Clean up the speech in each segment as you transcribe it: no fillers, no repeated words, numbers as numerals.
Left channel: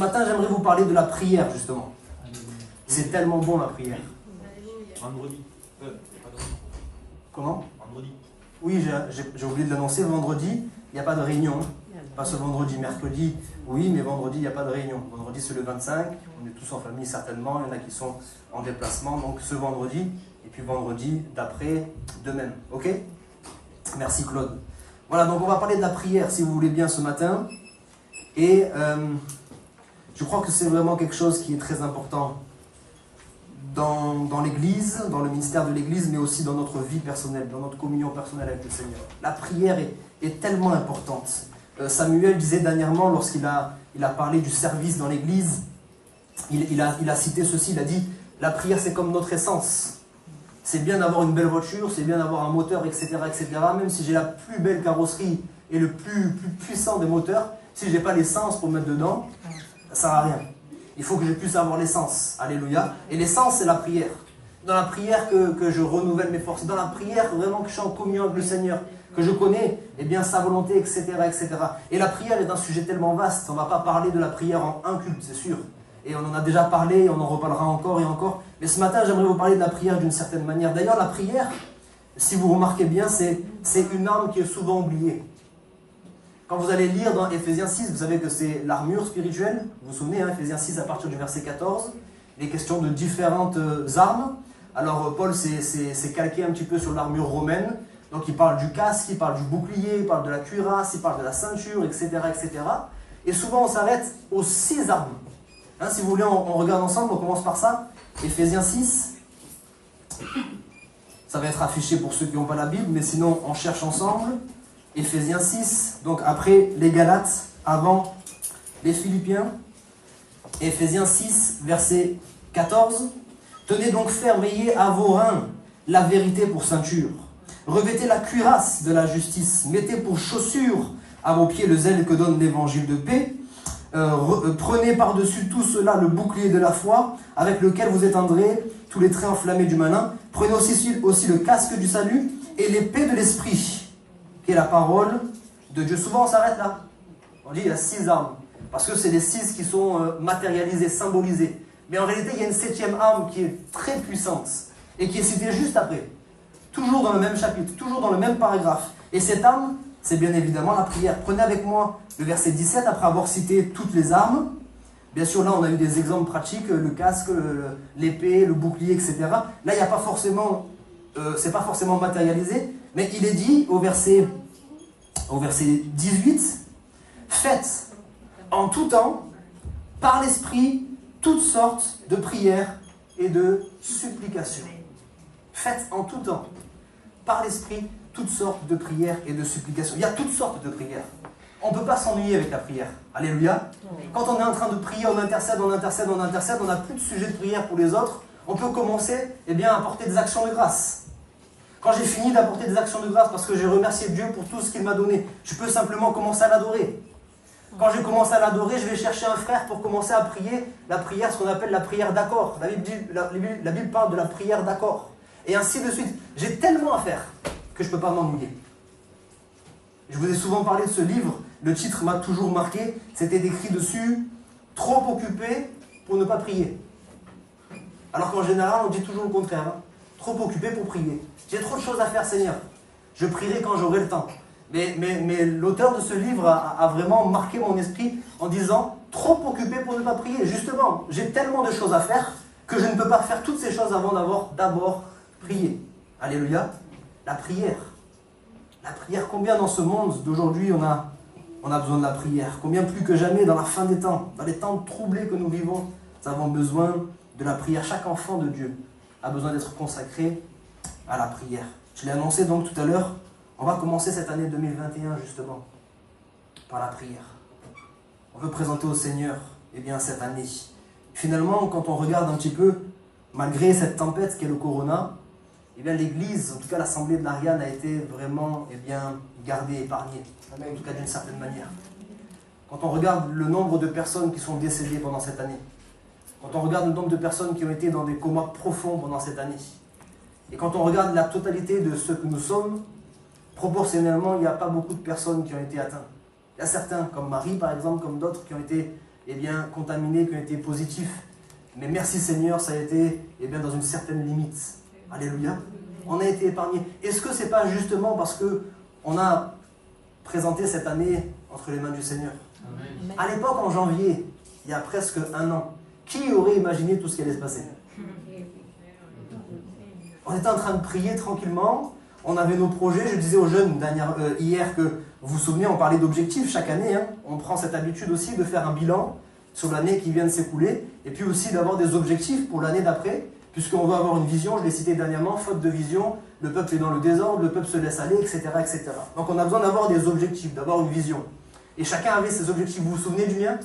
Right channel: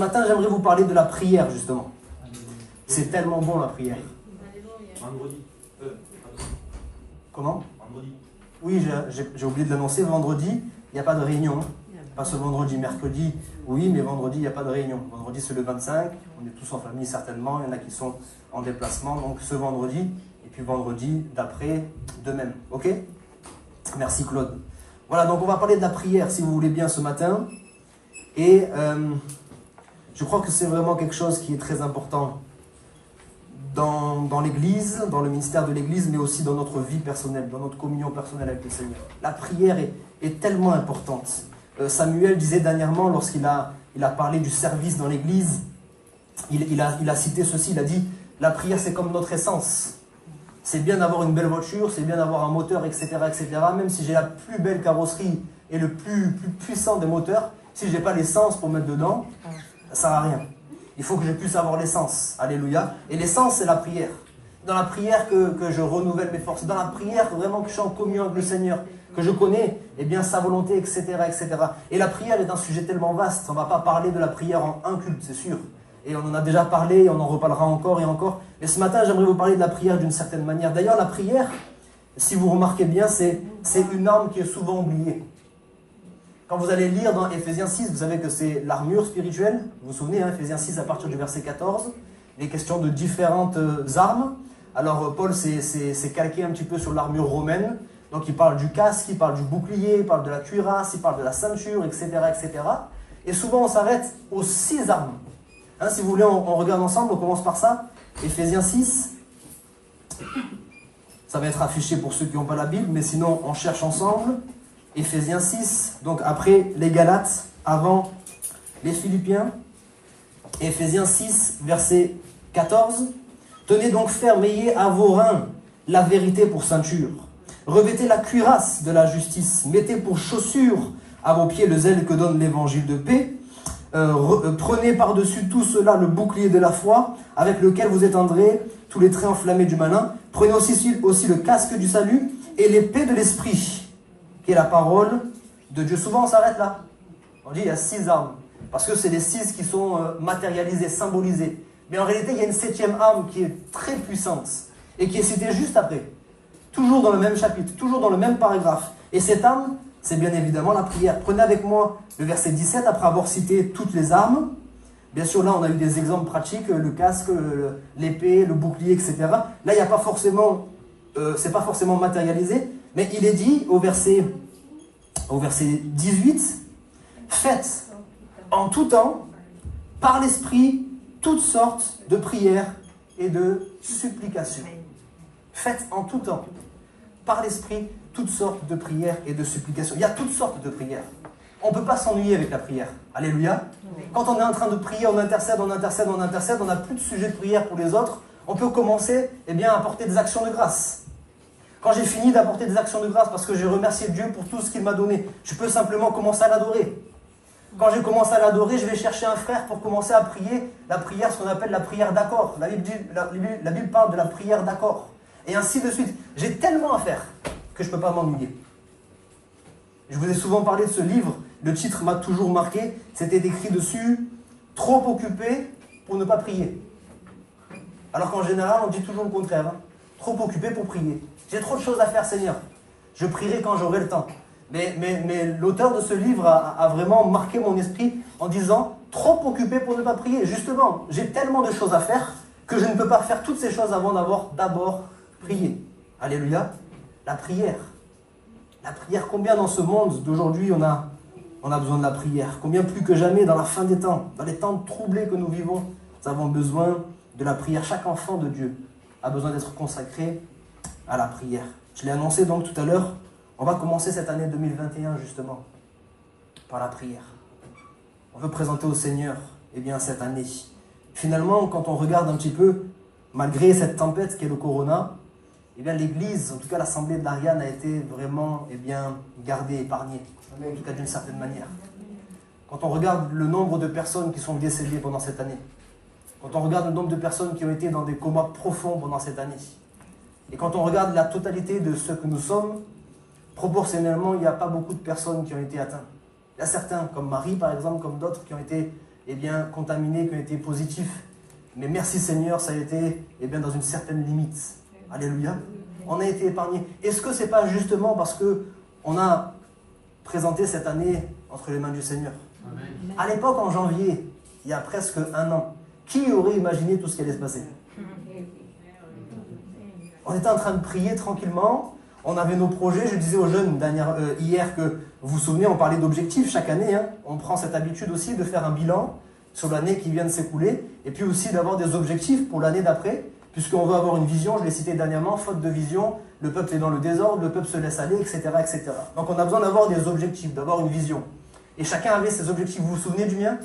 matin, j'aimerais vous parler de la prière, justement. C'est tellement bon, la prière. Vendredi. Comment? Vendredi. Oui, j'ai oublié de l'annoncer. Vendredi, il n'y a pas de réunion. Pas ce vendredi, mercredi, oui, mais vendredi, il n'y a pas de réunion. Vendredi, c'est le 25. On est tous en famille, certainement. Il y en a qui sont en déplacement. Donc, ce vendredi, et puis vendredi d'après, de même. OK? Merci, Claude. Voilà, donc on va parler de la prière, si vous voulez bien, ce matin. Et je crois que c'est vraiment quelque chose qui est très important dans l'Église, dans le ministère de l'Église, mais aussi dans notre vie personnelle, dans notre communion personnelle avec le Seigneur. La prière est tellement importante. Samuel disait dernièrement, lorsqu'il a parlé du service dans l'Église, il a cité ceci, il a dit, la prière c'est comme notre essence. C'est bien d'avoir une belle voiture, c'est bien d'avoir un moteur, etc., etc. Même si j'ai la plus belle carrosserie et le plus puissant des moteurs, si je n'ai pas l'essence pour mettre dedans, ça ne sert à rien. Il faut que je puisse avoir l'essence. Alléluia. Et l'essence, c'est la prière. Dans la prière que je renouvelle mes forces. Dans la prière vraiment que je suis en communion avec le Seigneur, que je connais eh bien, sa volonté, etc., etc. Et la prière est un sujet tellement vaste. On ne va pas parler de la prière en un culte, c'est sûr. Et on en a déjà parlé, on en reparlera encore et encore. Mais ce matin, j'aimerais vous parler de la prière d'une certaine manière. D'ailleurs, la prière, si vous remarquez bien, c'est une arme qui est souvent oubliée. Quand vous allez lire dans Éphésiens 6, vous savez que c'est l'armure spirituelle. Vous vous souvenez, hein, Éphésiens 6 à partir du verset 14. Les questions de différentes armes. Alors Paul s'est calqué un petit peu sur l'armure romaine. Donc il parle du casque, il parle du bouclier, il parle de la cuirasse, il parle de la ceinture, etc. etc. Et souvent on s'arrête aux 6 armes. Hein, si vous voulez, on regarde ensemble, on commence par ça. Éphésiens 6. Ça va être affiché pour ceux qui n'ont pas la Bible, mais sinon on cherche ensemble. Éphésiens 6, donc après les Galates, avant les Philippiens. Éphésiens 6, verset 14. Tenez donc ferme, ayez à vos reins la vérité pour ceinture. Revêtez la cuirasse de la justice. Mettez pour chaussure à vos pieds le zèle que donne l'évangile de paix. Prenez par-dessus tout cela le bouclier de la foi, avec lequel vous éteindrez tous les traits enflammés du malin. Prenez aussi le casque du salut et l'épée de l'esprit, qui est la parole de Dieu. Souvent on s'arrête là. On dit il y a 6 armes, parce que c'est les 6 qui sont matérialisées, symbolisées. Mais en réalité, il y a une 7e arme qui est très puissante, et qui est citée juste après. Toujours dans le même chapitre, toujours dans le même paragraphe. Et cette arme, c'est bien évidemment la prière. Prenez avec moi le verset 17, après avoir cité toutes les armes. Bien sûr, là, on a eu des exemples pratiques, le casque, l'épée, le bouclier, etc. Là, il n'y a pas forcément, c'est pas forcément matérialisé, mais il est dit au verset 18, faites en tout temps, par l'Esprit, toutes sortes de prières et de supplications. Faites en tout temps, par l'Esprit, toutes sortes de prières et de supplications. Il y a toutes sortes de prières. On ne peut pas s'ennuyer avec la prière. Alléluia. Quand on est en train de prier, on intercède, on intercède, on intercède, on n'a plus de sujet de prière pour les autres, on peut commencer à apporter des actions de grâce. Quand j'ai fini d'apporter des actions de grâce parce que j'ai remercié Dieu pour tout ce qu'il m'a donné, je peux simplement commencer à l'adorer. Quand je commence à l'adorer, je vais chercher un frère pour commencer à prier la prière, ce qu'on appelle la prière d'accord. La Bible parle de la prière d'accord. Et ainsi de suite. J'ai tellement à faire que je ne peux pas m'ennuyer. Je vous ai souvent parlé de ce livre, le titre m'a toujours marqué, c'était écrit dessus « Trop occupé pour ne pas prier ». Alors qu'en général, on dit toujours le contraire, hein. Trop occupé pour prier. J'ai trop de choses à faire, Seigneur. Je prierai quand j'aurai le temps. Mais l'auteur de ce livre a vraiment marqué mon esprit en disant « Trop occupé pour ne pas prier ». Justement, j'ai tellement de choses à faire que je ne peux pas faire toutes ces choses avant d'avoir d'abord prié. Alléluia. La prière. La prière, combien dans ce monde d'aujourd'hui on a besoin de la prière? Combien plus que jamais dans la fin des temps, dans les temps troublés que nous vivons, nous avons besoin de la prière. Chaque enfant de Dieu a besoin d'être consacré à la prière. Je l'ai annoncé donc tout à l'heure, on va commencer cette année 2021 justement par la prière. On veut présenter au Seigneur cette année. Finalement, quand on regarde un petit peu, malgré cette tempête qu'est le corona, l'Église, en tout cas l'Assemblée de l'Ariane, a été vraiment gardée, épargnée, en tout cas d'une certaine manière. Quand on regarde le nombre de personnes qui sont décédées pendant cette année, quand on regarde le nombre de personnes qui ont été dans des comas profonds pendant cette année, et quand on regarde la totalité de ce que nous sommes, proportionnellement, il n'y a pas beaucoup de personnes qui ont été atteintes. Il y a certains, comme Marie par exemple, comme d'autres, qui ont été eh bien, contaminés, qui ont été positifs. Mais merci Seigneur, ça a été eh bien, dans une certaine limite. Alléluia. On a été épargnés. Est-ce que ce n'est pas justement parce qu'on a présenté cette année entre les mains du Seigneur? Amen. À l'époque, en janvier, il y a presque un an, qui aurait imaginé tout ce qui allait se passer? On était en train de prier tranquillement, on avait nos projets. Je disais aux jeunes hier que, vous vous souvenez, on parlait d'objectifs chaque année. Hein. On prend cette habitude aussi de faire un bilan sur l'année qui vient de s'écouler, et puis aussi d'avoir des objectifs pour l'année d'après, puisqu'on veut avoir une vision. Je l'ai cité dernièrement, faute de vision, le peuple est dans le désordre, le peuple se laisse aller, etc. etc. Donc on a besoin d'avoir des objectifs, d'avoir une vision. Et chacun avait ses objectifs. Vous vous souvenez du mien?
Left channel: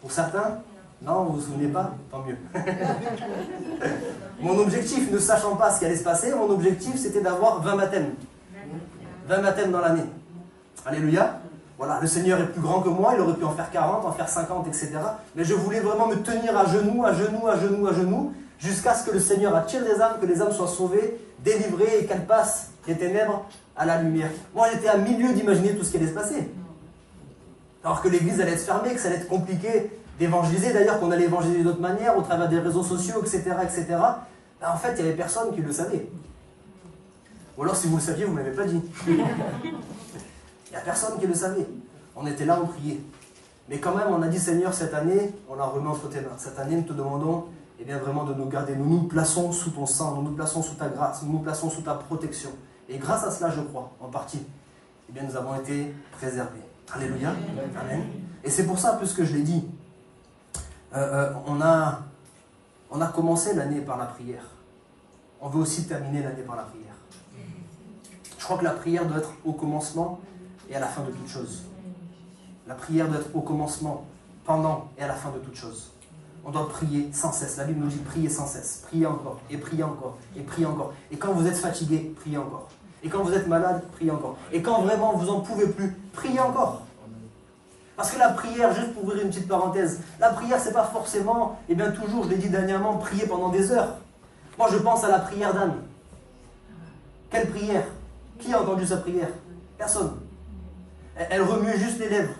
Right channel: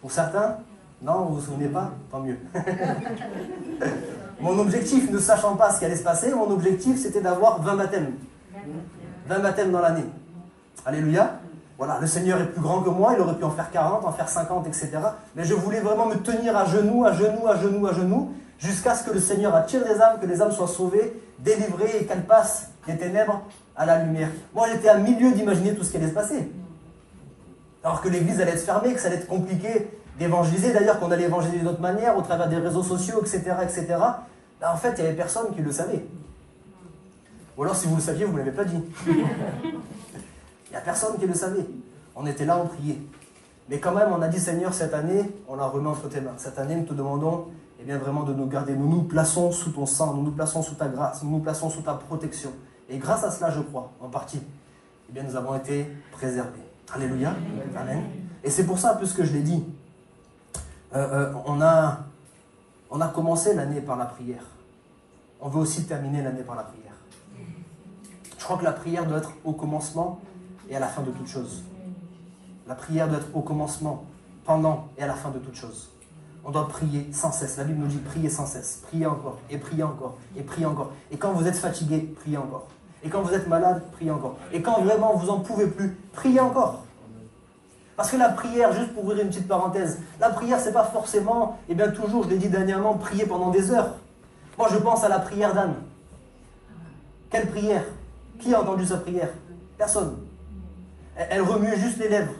Pour certains? Non, vous ne vous souvenez pas? Tant mieux. Mon objectif, ne sachant pas ce qui allait se passer, mon objectif c'était d'avoir 20 baptêmes. 20 baptêmes dans l'année. Alléluia. Voilà, le Seigneur est plus grand que moi, il aurait pu en faire 40, en faire 50, etc. Mais je voulais vraiment me tenir à genoux, à genoux, à genoux, à genoux, jusqu'à ce que le Seigneur attire des âmes, que les âmes soient sauvées, délivrées et qu'elles passent des ténèbres à la lumière. Moi, j'étais à milieu d'imaginer tout ce qui allait se passer. Alors que l'église allait être fermée, que ça allait être compliqué d'évangéliser, d'ailleurs qu'on allait évangéliser d'une autre manière, au travers des réseaux sociaux, etc. etc. Ben, en fait, il n'y avait personne qui le savait. Ou alors, si vous le saviez, vous ne me l'avez pas dit. Il n'y a personne qui le savait. On était là, on priait. Mais quand même, on a dit, Seigneur, cette année, on la remet entre tes mains. Cette année, nous te demandons eh bien, vraiment de nous garder. Nous nous plaçons sous ton sang, nous nous plaçons sous ta grâce, nous nous plaçons sous ta protection. Et grâce à cela, je crois, en partie, eh bien, nous avons été préservés. Alléluia. Amen. Et c'est pour ça, puisque je l'ai dit, on a commencé l'année par la prière. On veut aussi terminer l'année par la prière. Je crois que la prière doit être au commencement et à la fin de toute chose. La prière doit être au commencement, pendant et à la fin de toute chose. On doit prier sans cesse. La Bible nous dit prier sans cesse. Priez encore, et priez encore, et priez encore. Et quand vous êtes fatigué, priez encore. Et quand vous êtes malade, priez encore. Et quand vraiment vous n'en pouvez plus, priez encore. Parce que la prière, juste pour ouvrir une petite parenthèse, la prière, c'est pas forcément, eh bien toujours, je l'ai dit dernièrement, prier pendant des heures. Moi, je pense à la prière d'Anne. Quelle prière? Qui a entendu sa prière? Personne. Elle remuait juste les lèvres.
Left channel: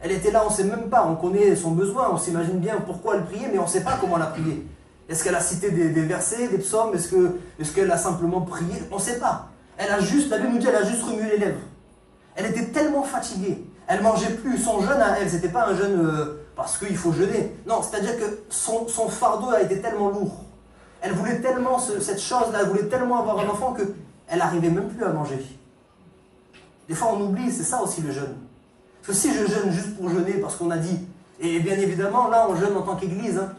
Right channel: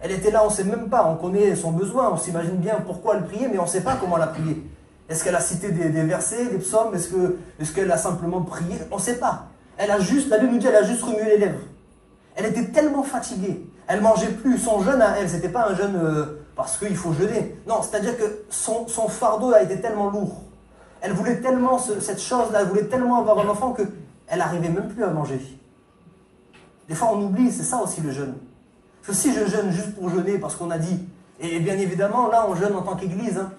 Elle était là, on ne sait même pas, on connaît son besoin, on s'imagine bien pourquoi elle priait, mais on ne sait pas comment elle a prié. Est-ce qu'elle a cité des versets, des psaumes? Est-ce qu'elle a simplement prié? On ne sait pas. Elle a juste, la Bible nous dit, elle a juste remué les lèvres. Elle était tellement fatiguée. Elle ne mangeait plus. Son jeûne à elle, ce n'était pas un jeûne parce qu'il faut jeûner. Non, c'est-à-dire que son fardeau a été tellement lourd. Elle voulait tellement cette chose-là, elle voulait tellement avoir un enfant qu'elle n'arrivait même plus à manger. Des fois, on oublie, c'est ça aussi le jeûne. Parce que si je jeûne juste pour jeûner, parce qu'on a dit, et bien évidemment, là, on jeûne en tant qu'église. Hein.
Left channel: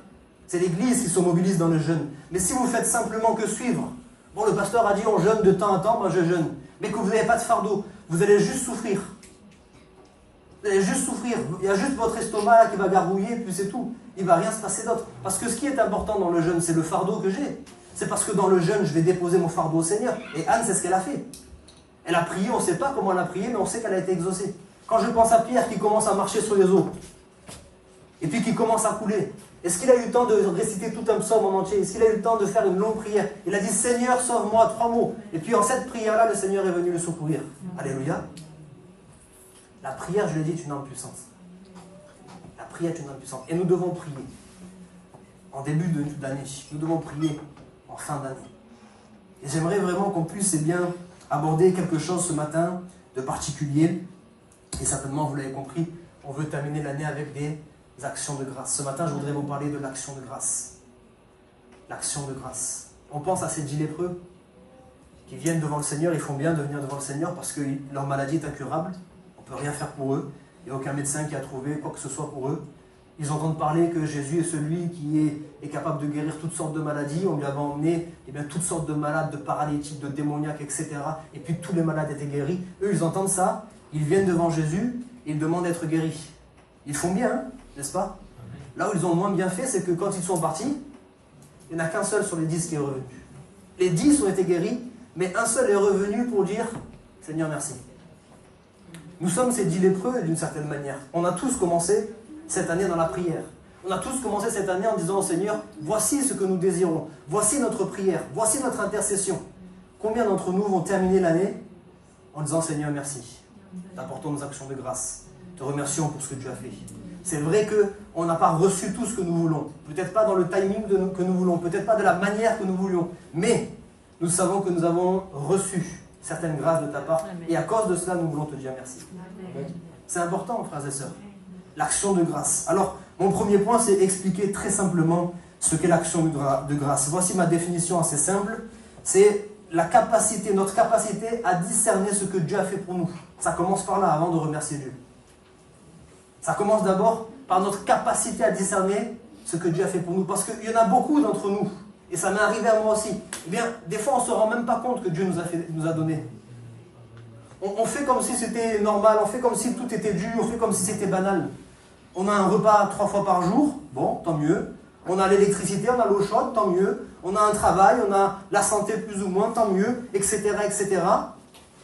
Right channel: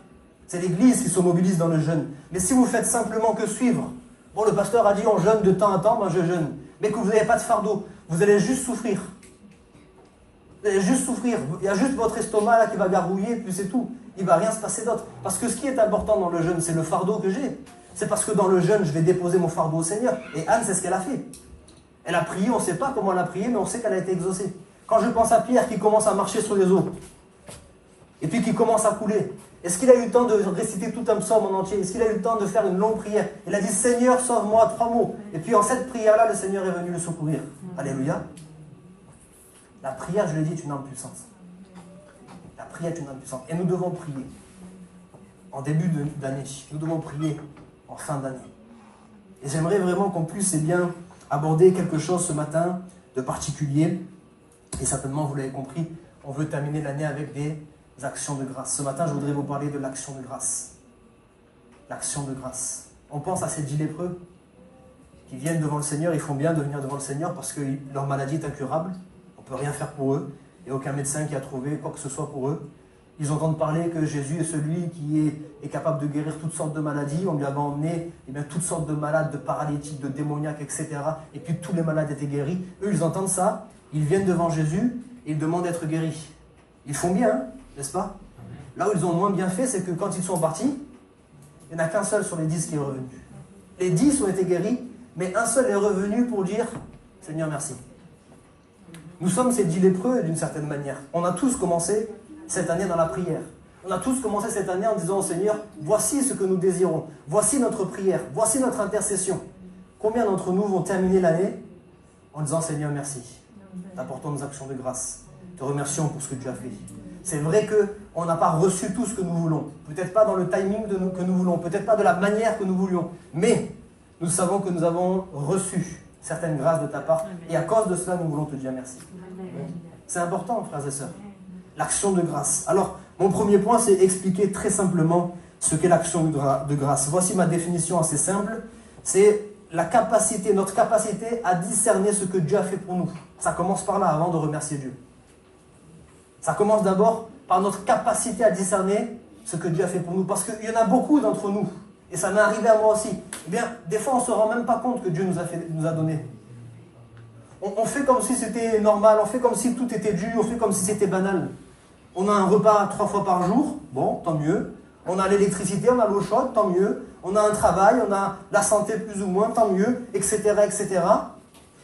C'est l'église qui se mobilise dans le jeûne. Mais si vous faites simplement que suivre, bon, le pasteur a dit, on jeûne de temps en temps, moi je jeûne. Mais que vous n'avez pas de fardeau, vous allez juste souffrir. Vous allez juste souffrir. Il y a juste votre estomac là qui va gargouiller, puis c'est tout. Il ne va rien se passer d'autre. Parce que ce qui est important dans le jeûne, c'est le fardeau que j'ai. C'est parce que dans le jeûne, je vais déposer mon fardeau au Seigneur. Et Anne, c'est ce qu'elle a fait. Elle a prié, on ne sait pas comment elle a prié, mais on sait qu'elle a été exaucée. Quand je pense à Pierre qui commence à marcher sur les eaux, et puis qui commence à couler, est-ce qu'il a eu le temps de réciter tout un psaume en entier? Est-ce qu'il a eu le temps de faire une longue prière? Il a dit, Seigneur, sauve-moi, 3 mots. Et puis en cette prière-là, le Seigneur est venu le secourir. Alléluia. La prière, je l'ai dit, est une arme puissante. La prière est une arme puissante. Et nous devons prier en début d'année. Nous devons prier en fin d'année. Et j'aimerais vraiment qu'on puisse bien aborder quelque chose ce matin de particulier. Et certainement, vous l'avez compris, on veut terminer l'année avec des actions de grâce. Ce matin, je voudrais vous parler de l'action de grâce. L'action de grâce. On pense à ces 10 lépreux qui viennent devant le Seigneur. Ils font bien de venir devant le Seigneur parce que leur maladie est incurable. On ne peut rien faire pour eux. Il n'y a aucun médecin qui a trouvé quoi que ce soit pour eux. Ils entendent parler que Jésus est celui qui est capable de guérir toutes sortes de maladies. On lui avait emmené toutes sortes de malades, de paralytiques, de démoniaques, etc. Et puis tous les malades étaient guéris. Eux, ils entendent ça. Ils viennent devant Jésus et ils demandent d'être guéris. Ils font bien, hein, n'est-ce pas? Là où ils ont moins bien fait, c'est que quand ils sont partis, il n'y en a qu'un seul sur les 10 qui est revenu. Les 10 ont été guéris, mais un seul est revenu pour dire « Seigneur, merci ». Nous sommes ces 10 lépreux d'une certaine manière. On a tous commencé cette année dans la prière. On a tous commencé cette année en disant au Seigneur, voici ce que nous désirons, voici notre prière, voici notre intercession. Combien d'entre nous vont terminer l'année en disant Seigneur, merci. T'apportons nos actions de grâce. Te remercions pour ce que tu as fait. C'est vrai on n'a pas reçu tout ce que nous voulons. Peut-être pas dans le timing que nous voulons, peut-être pas de la manière que nous voulions. Mais nous savons que nous avons reçu certaines grâces de ta part. Et à cause de cela, nous voulons te dire merci. C'est important, frères et sœurs. L'action de grâce. Alors, mon premier point, c'est expliquer très simplement ce qu'est l'action de grâce. Voici ma définition assez simple. C'est notre capacité à discerner ce que Dieu a fait pour nous. Ça commence par là, avant de remercier Dieu. Ça commence d'abord par notre capacité à discerner ce que Dieu a fait pour nous. Parce qu'il y en a beaucoup d'entre nous, et ça m'est arrivé à moi aussi. Eh bien, des fois, on ne se rend même pas compte que Dieu nous a donné. On fait comme si c'était normal, on fait comme si tout était dû, on fait comme si c'était banal. On a un repas 3 fois par jour, bon, tant mieux. On a l'électricité, on a l'eau chaude, tant mieux. On a un travail, on a la santé plus ou moins, tant mieux, etc., etc.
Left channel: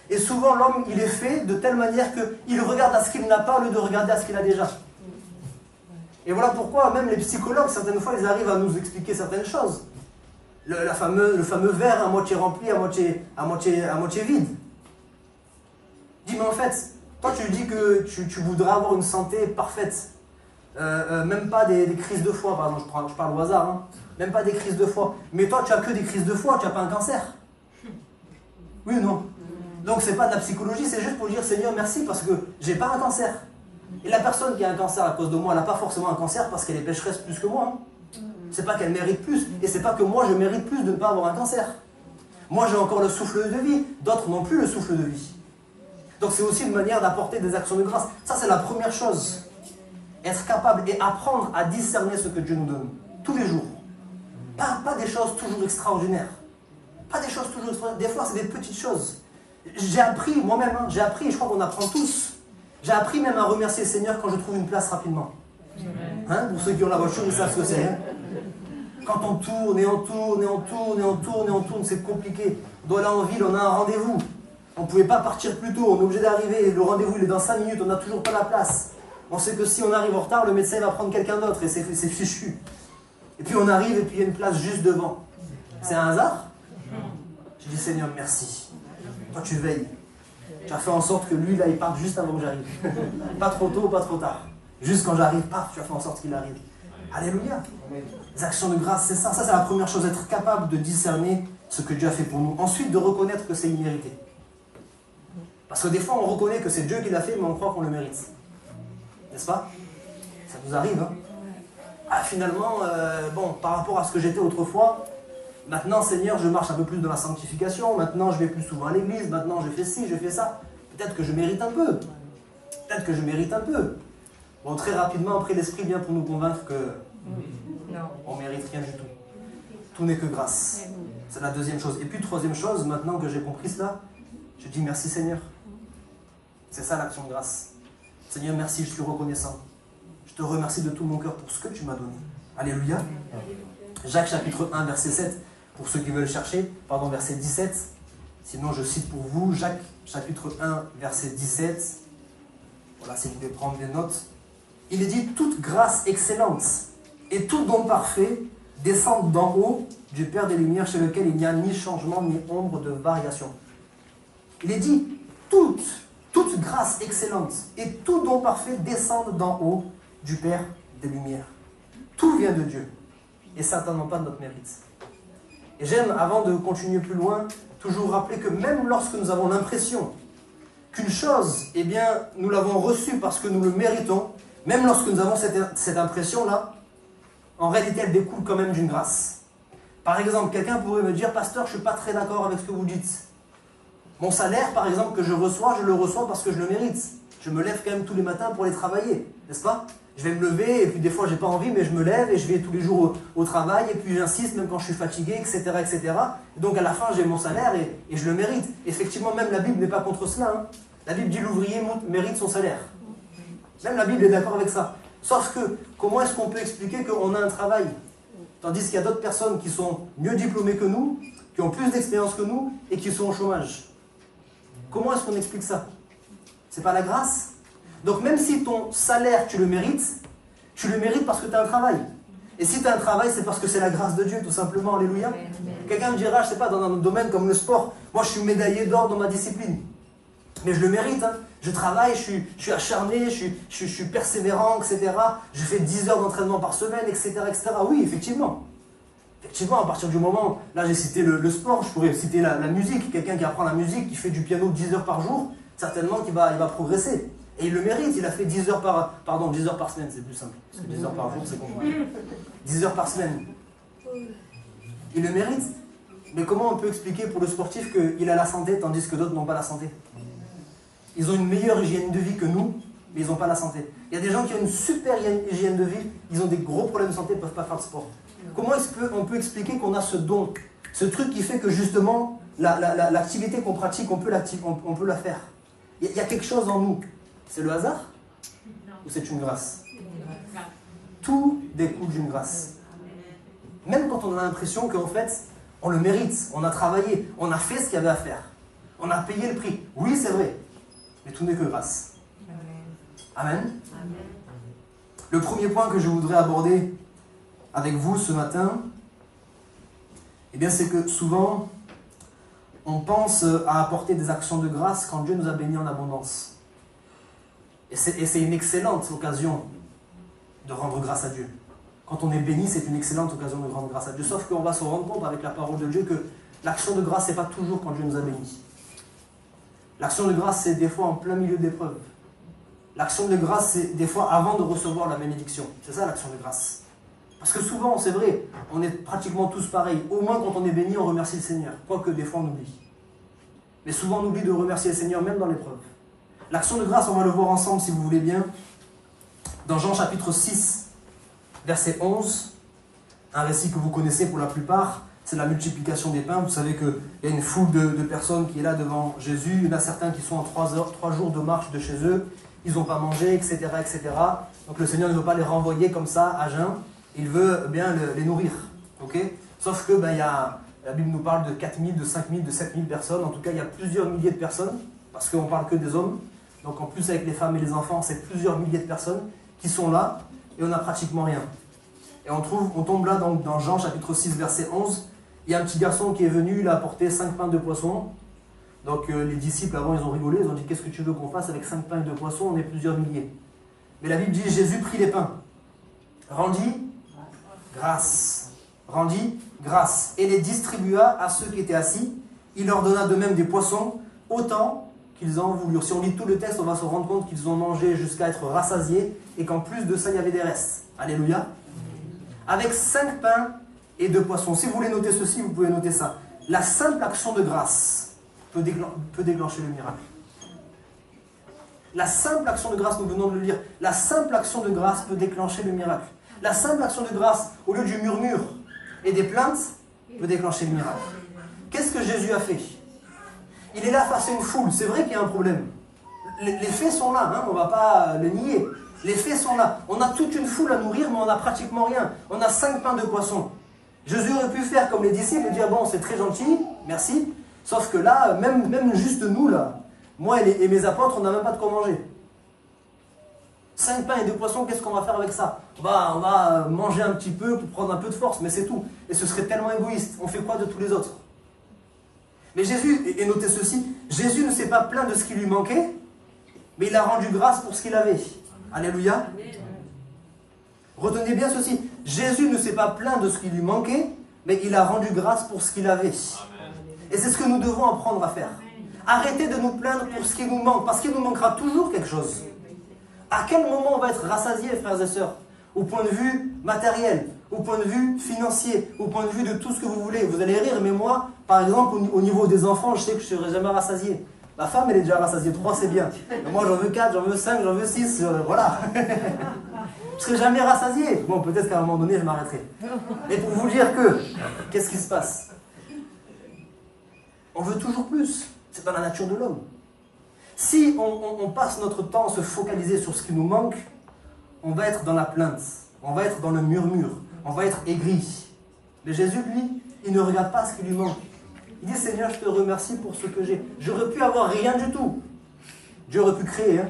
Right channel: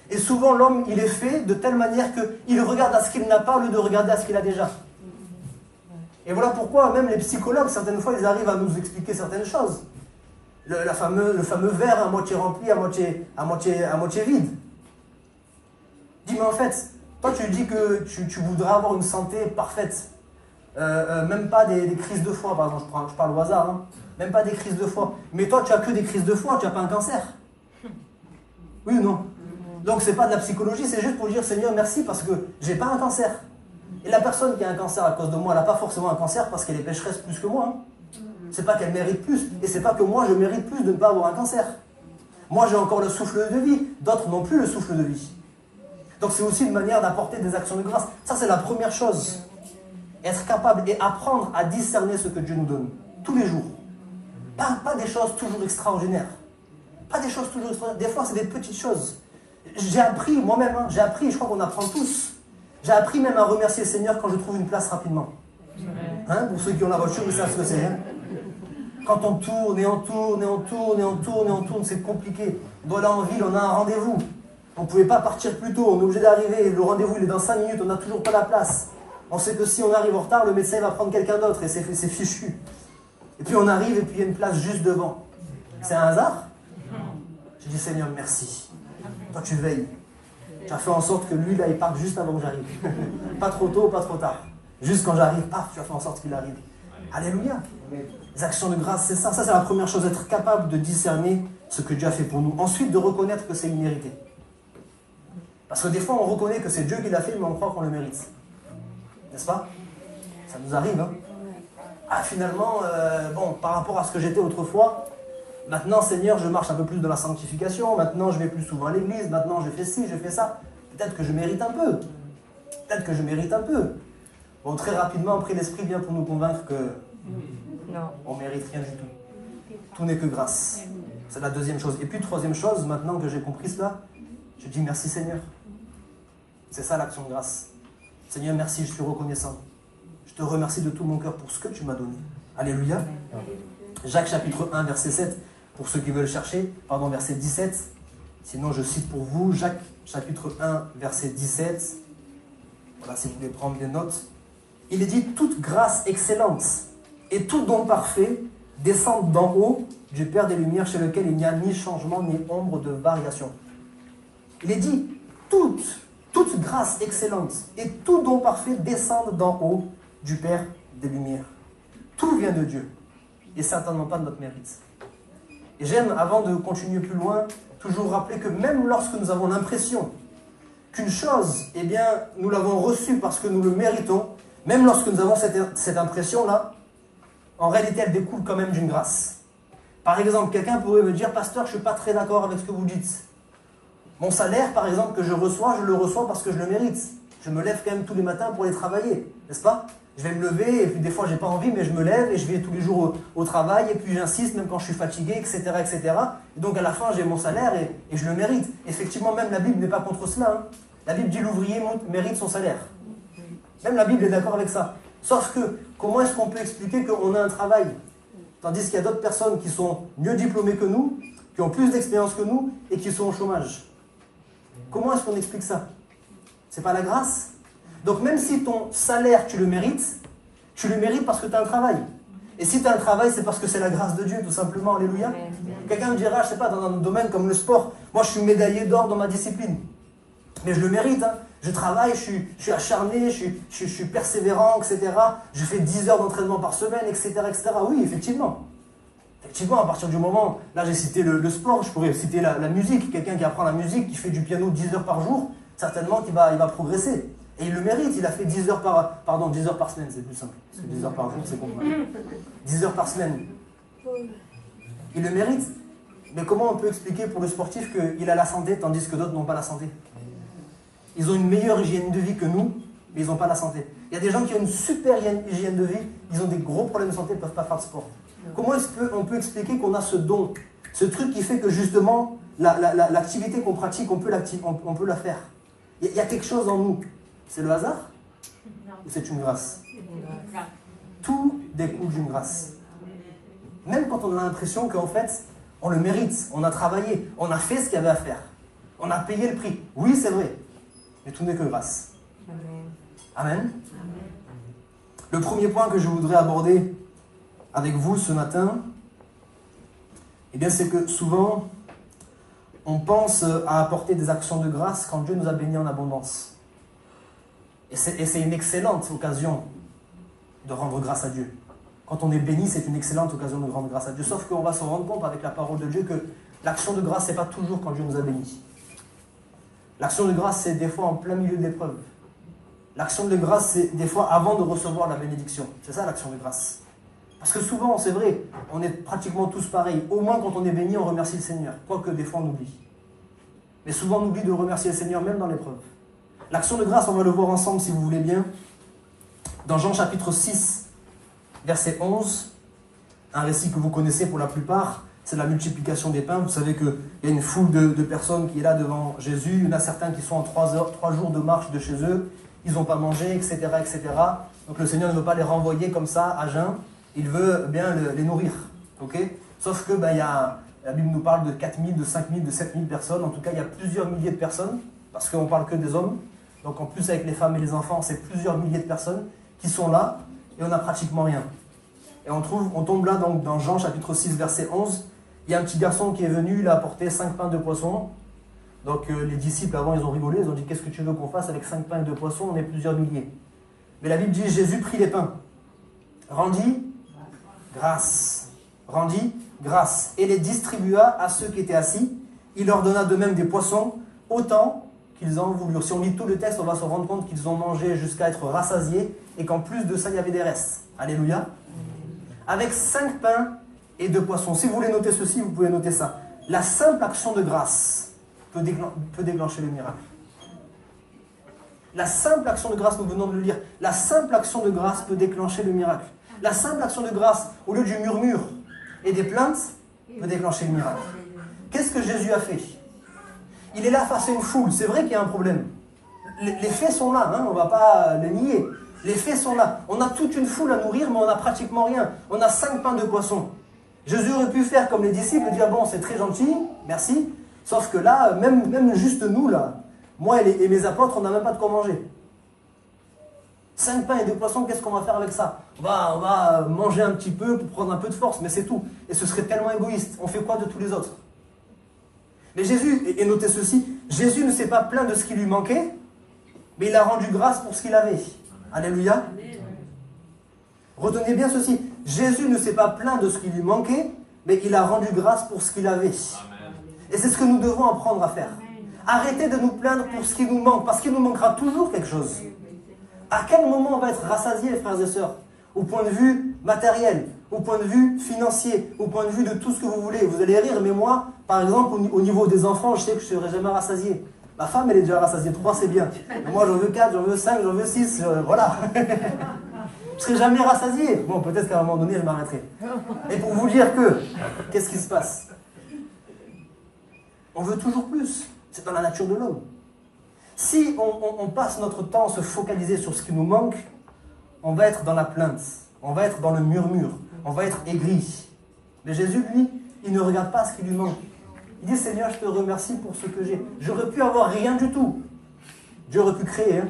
Et souvent, l'homme, il est fait de telle manière qu'il regarde à ce qu'il n'a pas au lieu de regarder à ce qu'il a déjà. Et voilà pourquoi même les psychologues, certaines fois, ils arrivent à nous expliquer certaines choses. Le fameux verre à moitié rempli, à moitié vide. Dis, mais en fait, toi tu dis que tu voudrais avoir une santé parfaite. Même pas des crises de foie, par exemple, je parle au hasard. Hein. Même pas des crises de foie. Mais toi, tu n'as que des crises de foie, tu n'as pas un cancer. Oui ou non? Donc c'est pas de la psychologie, c'est juste pour dire Seigneur merci parce que j'ai pas un cancer. Et la personne qui a un cancer à cause de moi, elle n'a pas forcément un cancer parce qu'elle est pécheresse plus que moi. Hein. C'est pas qu'elle mérite plus, et c'est pas que moi je mérite plus de ne pas avoir un cancer. Moi j'ai encore le souffle de vie, d'autres n'ont plus le souffle de vie. Donc c'est aussi une manière d'apporter des actions de grâce. Ça c'est la première chose. Être capable et apprendre à discerner ce que Dieu nous donne, tous les jours. Pas des choses toujours extraordinaires. Pas des choses toujours extraordinaires. Des fois c'est des petites choses. J'ai appris moi-même, hein, je crois qu'on apprend tous. J'ai appris même à remercier le Seigneur quand je trouve une place rapidement. Hein, pour ceux qui ont la voiture, ils savent ce que c'est. Hein. Quand on tourne et on tourne et on tourne et on tourne et on tourne, c'est compliqué. On doit aller en ville, on a un rendez-vous. On ne pouvait pas partir plus tôt, on est obligé d'arriver. Le rendez-vous il est dans 5 minutes, on n'a toujours pas la place. On sait que si on arrive en retard, le médecin va prendre quelqu'un d'autre et c'est fichu. Et puis on arrive et puis il y a une place juste devant. C'est un hasard? J'ai dit Seigneur, merci. Toi tu veilles. Tu as fait en sorte que lui, là, il parte juste avant que j'arrive. Pas trop tôt, pas trop tard. Juste quand j'arrive, tu as fait en sorte qu'il arrive. Alléluia. Les actions de grâce, c'est ça. Ça, c'est la première chose, être capable de discerner ce que Dieu a fait pour nous. Ensuite, de reconnaître que c'est immérité. Parce que des fois, on reconnaît que c'est Dieu qui l'a fait, mais on croit qu'on le mérite. N'est-ce pas? Ça nous arrive, hein? Ah, finalement, bon, par rapport à ce que j'étais autrefois, maintenant, Seigneur, je marche un peu plus dans la sanctification. Maintenant, je vais plus souvent à l'église. Maintenant, je fais ci, je fais ça. Peut-être que je mérite un peu. Peut-être que je mérite un peu. Bon, très rapidement, après, l'Esprit vient pour nous convaincre que on ne mérite rien du tout. Tout n'est que grâce. C'est la deuxième chose. Et puis, troisième chose, maintenant que j'ai compris cela, je dis merci Seigneur. C'est ça l'action de grâce. Seigneur, merci, je suis reconnaissant. Je te remercie de tout mon cœur pour ce que tu m'as donné. Alléluia. Jacques chapitre 1, verset 7, pour ceux qui veulent chercher, pardon, verset 17. Sinon, je cite pour vous, Jacques chapitre 1, verset 17. Voilà, si vous voulez prendre des notes. Il est dit, toute grâce excellente et tout don parfait descendent d'en haut du Père des Lumières, chez lequel il n'y a ni changement ni ombre de variation. Il est dit, toute grâce excellente et tout don parfait descendent d'en haut du Père des Lumières. Tout vient de Dieu. Et certainement pas de notre mérite. Et j'aime, avant de continuer plus loin, toujours rappeler que même lorsque nous avons l'impression qu'une chose, eh bien, nous l'avons reçue parce que nous le méritons, même lorsque nous avons cette impression-là, en réalité, elle découle quand même d'une grâce. Par exemple, quelqu'un pourrait me dire, pasteur, je ne suis pas très d'accord avec ce que vous dites. Mon salaire, par exemple, que je le reçois parce que je le mérite. Je me lève quand même tous les matins pour aller travailler, n'est-ce pas? Je vais me lever, et puis des fois, j'ai pas envie, mais je me lève, et je vais tous les jours au travail, et puis j'insiste, même quand je suis fatigué, etc., etc. Et donc, à la fin, j'ai mon salaire, et je le mérite. Effectivement, même la Bible n'est pas contre cela. Hein. La Bible dit l'ouvrier mérite son salaire. Même la Bible est d'accord avec ça. Sauf que, comment est-ce qu'on peut expliquer qu'on a un travail, tandis qu'il y a d'autres personnes qui sont mieux diplômées que nous, qui ont plus d'expérience que nous, et qui sont au chômage? Comment est-ce qu'on explique ça? C'est pas la grâce? Donc même si ton salaire, tu le mérites parce que tu as un travail. Et si tu as un travail, c'est parce que c'est la grâce de Dieu, tout simplement. Alléluia. Quelqu'un me dira, je sais pas, dans un domaine comme le sport, moi je suis médaillé d'or dans ma discipline. Mais je le mérite, hein. Je travaille, je suis acharné, je suis persévérant, etc. Je fais 10 heures d'entraînement par semaine, etc., etc. Oui, effectivement. Effectivement, à partir du moment, là j'ai cité le sport, je pourrais citer la musique. Quelqu'un qui apprend la musique, qui fait du piano 10 heures par jour, certainement qu'il va progresser. Et il le mérite, il a fait 10 heures par semaine, c'est plus simple. Parce que 10 heures par jour, c'est compliqué. 10 heures par semaine. Il le mérite. Mais comment on peut expliquer pour le sportif qu'il a la santé tandis que d'autres n'ont pas la santé? Ils ont une meilleure hygiène de vie que nous, mais ils n'ont pas la santé. Il y a des gens qui ont une super hygiène de vie, ils ont des gros problèmes de santé, ils ne peuvent pas faire de sport. Comment est-ce qu'on peut expliquer qu'on a ce don, ce truc qui fait que justement, l'activité qu'on pratique, on peut la faire? Il y a quelque chose en nous. C'est le hasard? Ou c'est une grâce? Tout découle d'une grâce. Même quand on a l'impression qu'en fait, on le mérite, on a travaillé, on a fait ce qu'il y avait à faire. On a payé le prix. Oui, c'est vrai. Mais tout n'est que grâce. Amen. Le premier point que je voudrais aborder avec vous ce matin, eh bien, c'est que souvent, on pense à apporter des actions de grâce quand Dieu nous a bénis en abondance. Et c'est une excellente occasion de rendre grâce à Dieu. Quand on est béni, c'est une excellente occasion de rendre grâce à Dieu. Sauf qu'on va se rendre compte avec la parole de Dieu que l'action de grâce, ce n'est pas toujours quand Dieu nous a bénis. L'action de grâce, c'est des fois en plein milieu de l'épreuve. L'action de grâce, c'est des fois avant de recevoir la bénédiction. C'est ça l'action de grâce. Parce que souvent, c'est vrai, on est pratiquement tous pareils. Au moins, quand on est béni, on remercie le Seigneur. Quoique des fois, on oublie. Mais souvent, on oublie de remercier le Seigneur, même dans l'épreuve. L'action de grâce, on va le voir ensemble, si vous voulez bien. Dans Jean chapitre 6, verset 11, un récit que vous connaissez pour la plupart, c'est la multiplication des pains. Vous savez qu'il y a une foule de personnes qui est là devant Jésus. Il y en a certains qui sont en 3 jours de marche de chez eux. Ils n'ont pas mangé, etc., etc. Donc le Seigneur ne veut pas les renvoyer comme ça, à jeun. Il veut bien les nourrir. Okay. Sauf que la Bible nous parle de 4000, de 5000, de 7000 personnes. En tout cas, il y a plusieurs milliers de personnes, parce qu'on ne parle que des hommes. Donc en plus, avec les femmes et les enfants, c'est plusieurs milliers de personnes qui sont là, et on n'a pratiquement rien. Et on tombe là donc, dans Jean chapitre 6, verset 11. Il y a un petit garçon qui est venu, il a apporté 5 pains de poisson. Donc les disciples avant, ils ont rigolé, ils ont dit « Qu'est-ce que tu veux qu'on fasse avec 5 pains de poisson? On est plusieurs milliers. » Mais la Bible dit « Jésus prit les pains, rendit grâce, et les distribua à ceux qui étaient assis. Il leur donna de même des poissons, autant qu'ils en voulurent. » Si on lit tout le texte, on va se rendre compte qu'ils ont mangé jusqu'à être rassasiés, et qu'en plus de ça, il y avait des restes. Alléluia. Avec 5 pains et 2 poissons. Si vous voulez noter ceci, vous pouvez noter ça. La simple action de grâce peut déclencher le miracle. La simple action de grâce, nous venons de le lire, la simple action de grâce peut déclencher le miracle. La simple action de grâce, au lieu du murmure et des plaintes, peut déclencher le miracle. Qu'est-ce que Jésus a fait? Il est là face à une foule. C'est vrai qu'il y a un problème. Les faits sont là, hein, on ne va pas le nier. Les faits sont là. On a toute une foule à nourrir, mais on n'a pratiquement rien. On a 5 pains de poisson. Jésus aurait pu faire comme les disciples et dire « Bon, c'est très gentil, merci. » Sauf que là, même juste nous, là, moi et mes apôtres, on n'a même pas de quoi manger. 5 pains et 2 poissons, qu'est-ce qu'on va faire avec ça? On va manger un petit peu pour prendre un peu de force, mais c'est tout. Et ce serait tellement égoïste. On fait quoi de tous les autres? Mais Jésus, et notez ceci, Jésus ne s'est pas plaint de ce qui lui manquait, mais il a rendu grâce pour ce qu'il avait. Alléluia. Retenez bien ceci, Jésus ne s'est pas plaint de ce qui lui manquait, mais il a rendu grâce pour ce qu'il avait. Et c'est ce que nous devons apprendre à faire. Arrêtez de nous plaindre pour ce qui nous manque, parce qu'il nous manquera toujours quelque chose. À quel moment on va être rassasié, frères et sœurs? Au point de vue matériel, au point de vue financier, au point de vue de tout ce que vous voulez. Vous allez rire, mais moi, par exemple, au niveau des enfants, je sais que je ne serai jamais rassasié. Ma femme, elle est déjà rassasiée. 3, c'est bien. Mais moi, j'en veux 4, j'en veux 5, j'en veux 6, voilà. Je ne serai jamais rassasié. Bon, peut-être qu'à un moment donné, je m'arrêterai. Et pour vous dire que, qu'est-ce qui se passe? On veut toujours plus. C'est dans la nature de l'homme. Si on passe notre temps à se focaliser sur ce qui nous manque, on va être dans la plainte, on va être dans le murmure, on va être aigri. Mais Jésus, lui, il ne regarde pas ce qui lui manque. Il dit, Seigneur, je te remercie pour ce que j'ai. J'aurais pu avoir rien du tout. Dieu aurait pu créer, hein?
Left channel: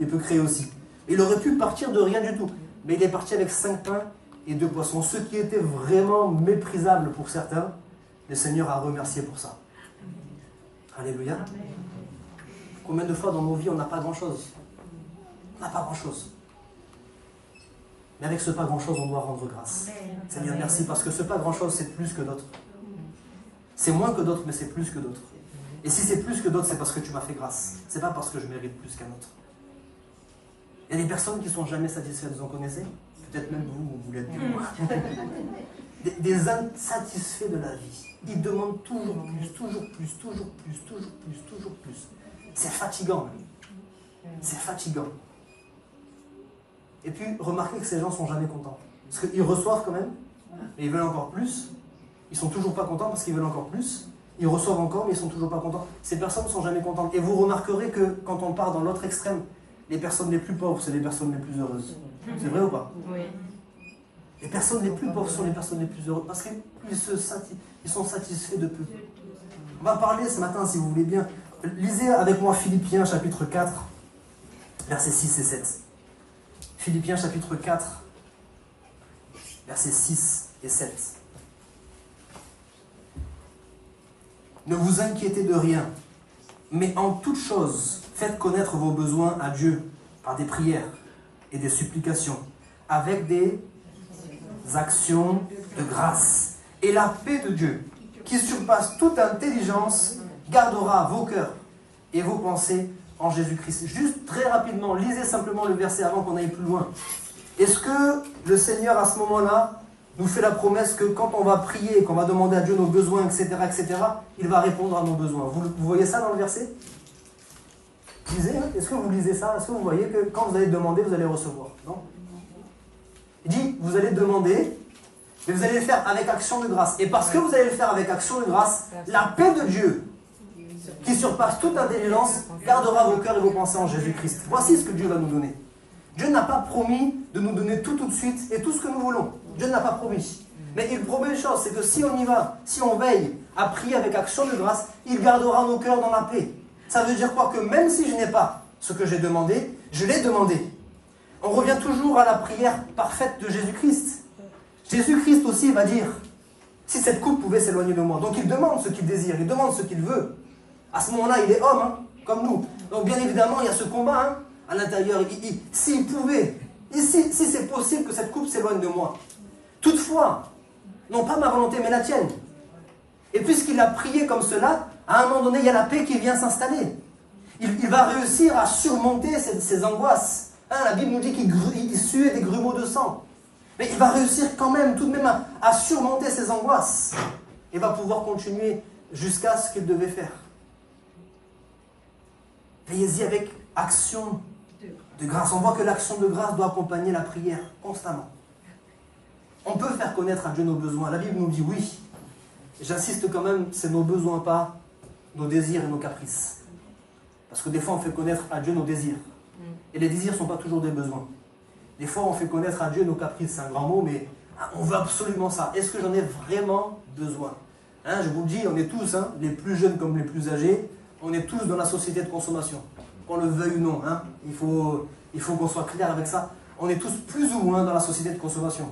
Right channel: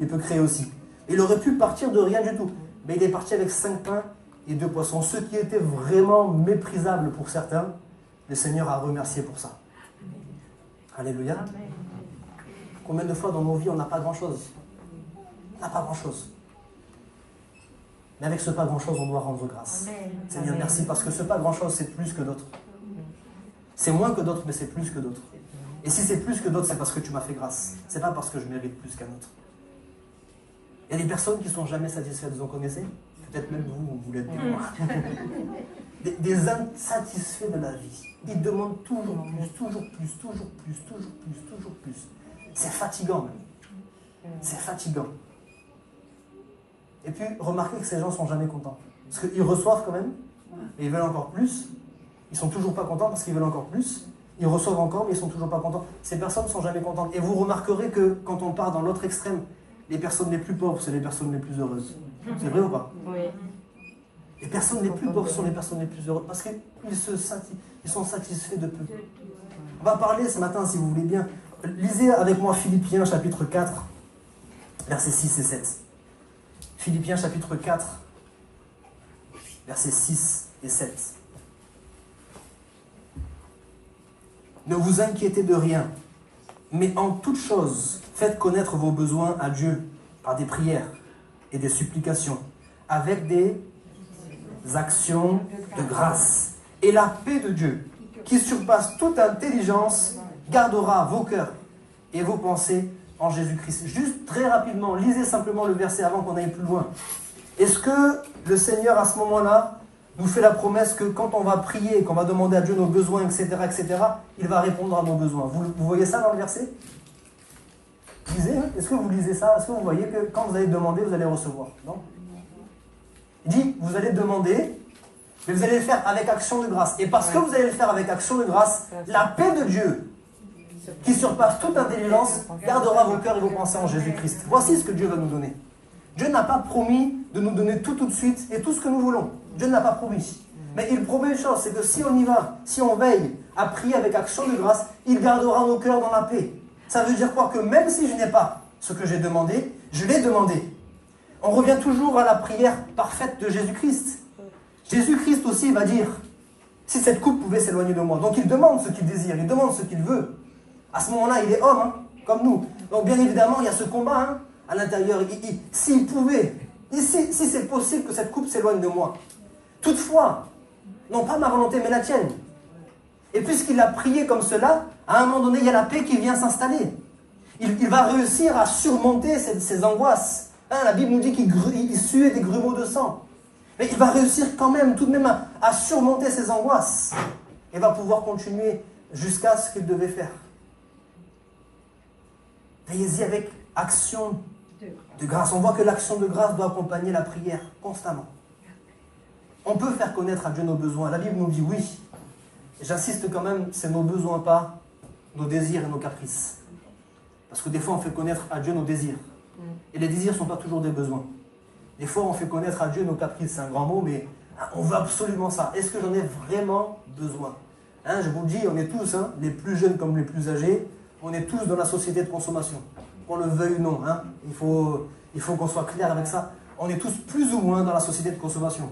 Il peut créer aussi. Il aurait pu partir de rien du tout. Mais il est parti avec 5 pains et 2 poissons. Ce qui était vraiment méprisable pour certains, le Seigneur a remercié pour ça. Alléluia. Combien de fois dans nos vies, on n'a pas grand-chose? On n'a pas grand-chose. Mais avec ce pas grand-chose, on doit rendre grâce. Seigneur, merci, parce que ce pas grand-chose, c'est plus que d'autres. C'est moins que d'autres, mais c'est plus que d'autres. Et si c'est plus que d'autres, c'est parce que tu m'as fait grâce. C'est pas parce que je mérite plus qu'un autre. Il y a des personnes qui ne sont jamais satisfaites, vous en connaissez? Peut-être même vous l'êtes bien. Des insatisfaits de la vie. Ils demandent toujours plus, toujours plus, toujours plus, toujours plus, toujours plus. C'est fatigant même. C'est fatigant. Et puis, remarquez que ces gens ne sont jamais contents. Parce qu'ils reçoivent quand même, mais ils veulent encore plus. Ils ne sont toujours pas contents parce qu'ils veulent encore plus. Ils reçoivent encore, mais ils ne sont toujours pas contents. Ces personnes ne sont jamais contentes. Et vous remarquerez que quand on part dans l'autre extrême, les personnes les plus pauvres, c'est les personnes les plus heureuses. C'est vrai ou pas? Oui. Les personnes les plus pauvres sont les personnes les plus heureuses parce qu'ils sont satisfaits de peu. On va parler ce matin, si vous voulez bien. Lisez avec moi Philippiens chapitre 4, versets 6 et 7. Philippiens chapitre 4, versets 6 et 7. Ne vous inquiétez de rien, mais en toute chose, faites connaître vos besoins à Dieu par des prières et des supplications, avec des actions de grâce. Et la paix de Dieu, qui surpasse toute intelligence, gardera vos cœurs et vos pensées en Jésus-Christ. Juste très rapidement, lisez simplement le verset avant qu'on aille plus loin. Est-ce que le Seigneur, à ce moment-là, nous fait la promesse que quand on va prier, qu'on va demander à Dieu nos besoins, etc., il va répondre à nos besoins? Vous voyez ça dans le verset? Lisez, est-ce que vous lisez ça? Est-ce que vous voyez que quand vous allez demander, vous allez recevoir? Non? Il dit, vous allez demander, mais vous allez le faire avec action de grâce. Et parce que vous allez le faire avec action de grâce, la paix de Dieu, qui surpasse toute intelligence, gardera vos cœurs et vos pensées en Jésus-Christ. Voici ce que Dieu va nous donner. Dieu n'a pas promis de nous donner tout de suite et tout ce que nous voulons. Dieu ne l'a pas promis. Mais il promet une chose, c'est que si on y va, si on veille à prier avec action de grâce, il gardera nos cœurs dans la paix. Ça veut dire quoi? Que même si je n'ai pas ce que j'ai demandé, je l'ai demandé. On revient toujours à la prière parfaite de Jésus-Christ. Jésus-Christ aussi va dire, si cette coupe pouvait s'éloigner de moi. Donc il demande ce qu'il désire, il demande ce qu'il veut. À ce moment-là, il est homme, hein, comme nous. Donc bien évidemment, il y a ce combat hein, à l'intérieur. S'il pouvait, si c'est possible que cette coupe s'éloigne de moi. Toutefois, non pas ma volonté, mais la tienne. Et puisqu'il a prié comme cela, à un moment donné, il y a la paix qui vient s'installer. Il va réussir à surmonter ces angoisses. Hein, la Bible nous dit qu'il suait des grumeaux de sang. Mais il va réussir quand même, tout de même, à surmonter ces angoisses. Et va pouvoir continuer jusqu'à ce qu'il devait faire. Veillez-y avec action de grâce. On voit que l'action de grâce doit accompagner la prière constamment. On peut faire connaître à Dieu nos besoins. La Bible nous dit oui. J'insiste quand même, c'est nos besoins, pas nos désirs et nos caprices. Parce que des fois, on fait connaître à Dieu nos désirs. Et les désirs ne sont pas toujours des besoins. Des fois, on fait connaître à Dieu nos caprices. C'est un grand mot, mais on veut absolument ça. Est-ce que j'en ai vraiment besoin? Hein, je vous le dis, on est tous, hein, les plus jeunes comme les plus âgés, on est tous dans la société de consommation. Qu'on le veuille ou non. Hein, il faut qu'on soit clair avec ça. On est tous plus ou moins dans la société de consommation.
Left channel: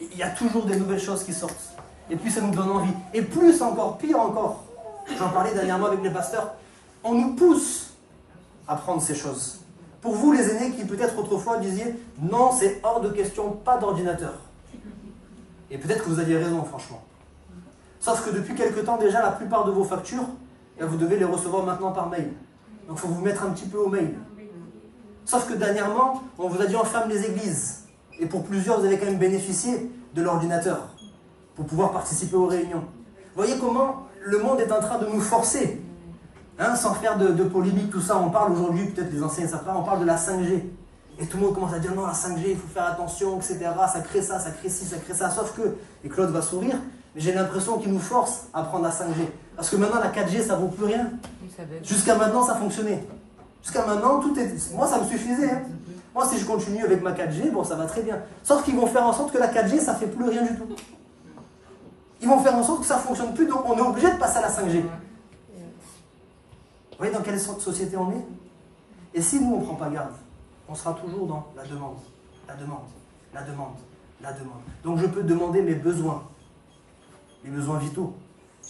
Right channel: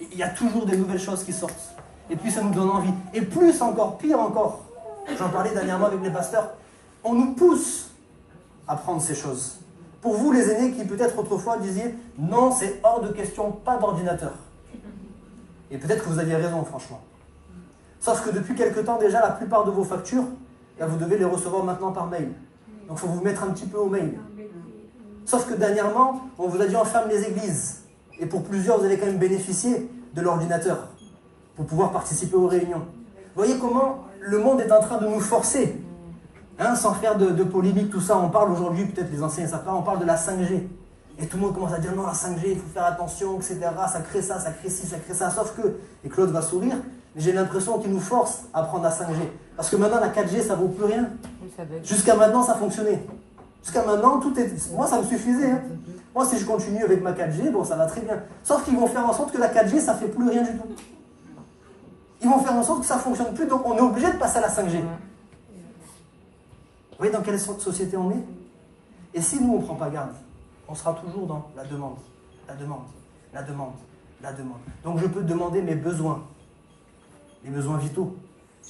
Il y a toujours des nouvelles choses qui sortent. Et puis ça nous donne envie. Et plus encore, pire encore. J'en parlais dernièrement avec les pasteurs. On nous pousse à prendre ces choses. Pour vous les aînés qui peut-être autrefois disiez « Non, c'est hors de question, pas d'ordinateur ». Et peut-être que vous aviez raison, franchement. Sauf que depuis quelque temps déjà, la plupart de vos factures, vous devez les recevoir maintenant par mail. Donc il faut vous mettre un petit peu au mail. Sauf que dernièrement, on vous a dit on ferme les églises. Et pour plusieurs, vous avez quand même bénéficié de l'ordinateur pour pouvoir participer aux réunions. Vous voyez comment le monde est en train de nous forcer, hein, sans faire de polémique, tout ça. On parle aujourd'hui, peut-être les anciens savent pas, on parle de la 5G. Et tout le monde commence à dire non, la 5G, il faut faire attention, etc. Ça crée ça, ça crée ci, ça crée ça. Sauf que, et Claude va sourire, mais j'ai l'impression qu'il nous force à prendre la 5G. Parce que maintenant, la 4G, ça vaut plus rien. Jusqu'à maintenant, ça fonctionnait. Jusqu'à maintenant, tout est... Moi, ça me suffisait. Hein. Moi, si je continue avec ma 4G, bon, ça va très bien. Sauf qu'ils vont faire en sorte que la 4G, ça ne fait plus rien du tout. Ils vont faire en sorte que ça ne fonctionne plus, donc on est obligé de passer à la 5G. Vous voyez dans quelle société on est? Et si nous, on ne prend pas garde, on sera toujours dans la demande, la demande, la demande, la demande. Donc je peux demander mes besoins, les besoins vitaux.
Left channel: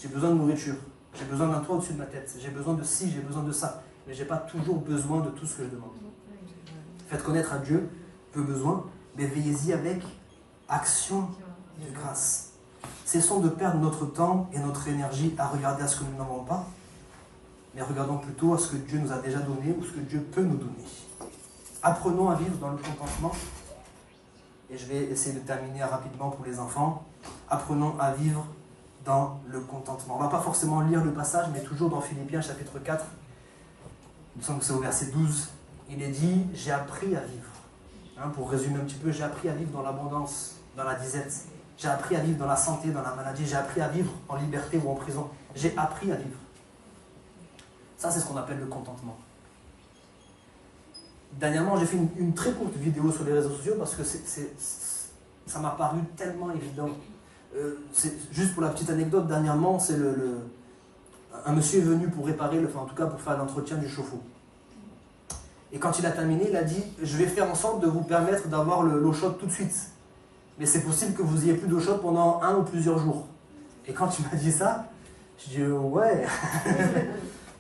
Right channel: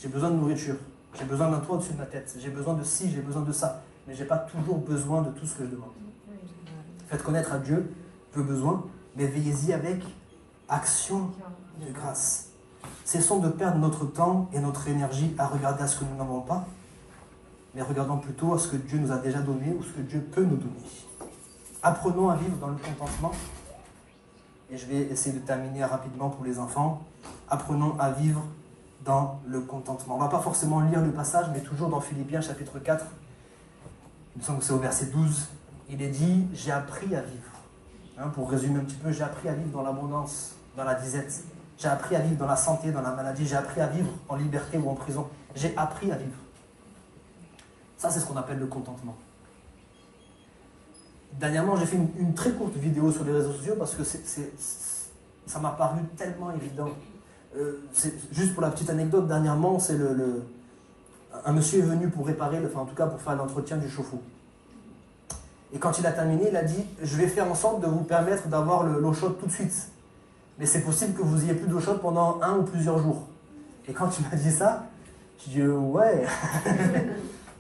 J'ai besoin de nourriture, j'ai besoin d'un toit au-dessus de ma tête, j'ai besoin de ci, j'ai besoin de ça. mais je n'ai pas toujours besoin de tout ce que je demande. Faites connaître à Dieu vos besoins, mais veillez-y avec action de grâce. Cessons de perdre notre temps et notre énergie à regarder à ce que nous n'avons pas, mais regardons plutôt à ce que Dieu nous a déjà donné ou ce que Dieu peut nous donner. Apprenons à vivre dans le contentement. Et je vais essayer de terminer rapidement pour les enfants. Apprenons à vivre dans le contentement. On ne va pas forcément lire le passage, mais toujours dans Philippiens chapitre 4. Il me semble que c'est au verset 12. Il est dit « J'ai appris à vivre ». Pour résumer un petit peu, j'ai appris à vivre dans l'abondance, dans la disette. J'ai appris à vivre dans la santé, dans la maladie. J'ai appris à vivre en liberté ou en prison. J'ai appris à vivre. Ça, c'est ce qu'on appelle le contentement. Dernièrement, j'ai fait une très courte vidéo sur les réseaux sociaux parce que ça m'a paru tellement évident. Juste pour la petite anecdote, dernièrement, c'est un monsieur est venu pour réparer, enfin en tout cas pour faire l'entretien du chauffe-eau. Et quand il a terminé, il a dit « Je vais faire en sorte de vous permettre d'avoir l'eau chaude tout de suite. Mais c'est possible que vous ayez plus d'eau chaude pendant 1 ou plusieurs jours. » Et quand il m'a dit ça, je dis « Ouais,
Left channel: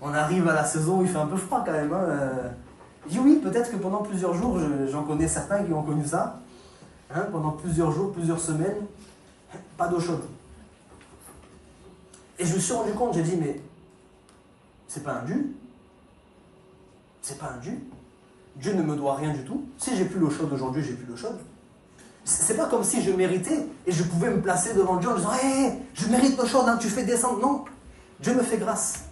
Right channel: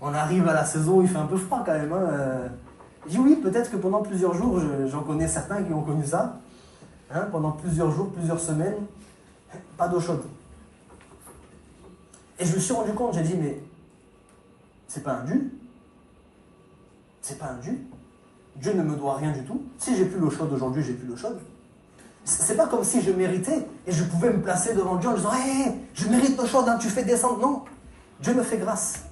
on arrive à la saison où il fait un peu froid quand même. Hein. » Il dit « Oui, peut-être que pendant plusieurs jours, j'en connais certains qui ont connu ça. Hein, pendant plusieurs jours, plusieurs semaines, pas d'eau chaude. » Et je me suis rendu compte, j'ai dit « Mais c'est pas un dû. C'est pas un dû. Dieu ne me doit rien du tout. Si j'ai plus l'eau chaude aujourd'hui, j'ai plus l'eau chaude. C'est pas comme si je méritais et je pouvais me placer devant Dieu en disant hey, je mérite l'eau chaude, hein, tu fais descendre. Non, Dieu me fait grâce.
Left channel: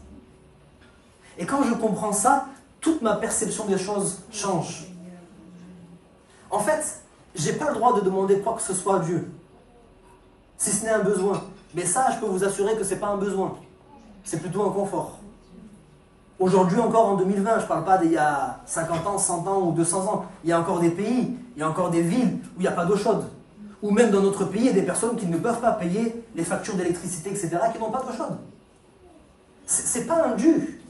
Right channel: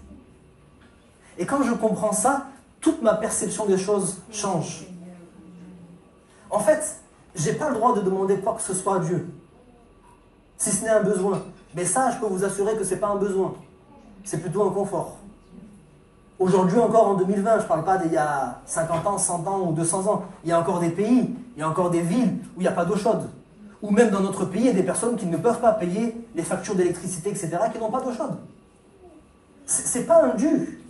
Et quand je comprends ça, toute ma perception des choses change. En fait, j'ai pas le droit de demander quoi que ce soit à Dieu, si ce n'est un besoin. Mais ça, je peux vous assurer que c'est pas un besoin. C'est plutôt un confort. Aujourd'hui encore en 2020, je ne parle pas d'il y a 50 ans, 100 ans ou 200 ans. Il y a encore des pays, il y a encore des villes où il n'y a pas d'eau chaude. Ou même dans notre pays, il y a des personnes qui ne peuvent pas payer les factures d'électricité, etc., qui n'ont pas d'eau chaude. Ce n'est pas un dû.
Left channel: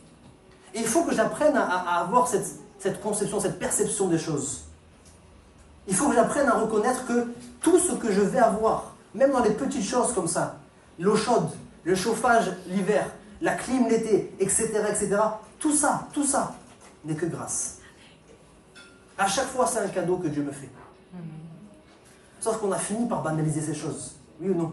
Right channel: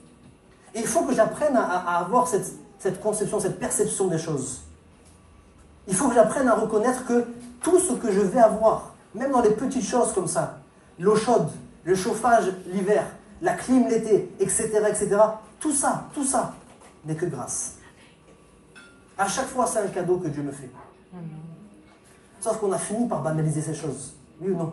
Et il faut que j'apprenne à avoir cette conception, cette perception des choses. Il faut que j'apprenne à reconnaître que tout ce que je vais avoir, même dans les petites choses comme ça, l'eau chaude, le chauffage l'hiver, la clim l'été, etc., etc., tout ça n'est que grâce. À chaque fois, c'est un cadeau que Dieu me fait. Sauf qu'on a fini par banaliser ces choses. Oui ou non?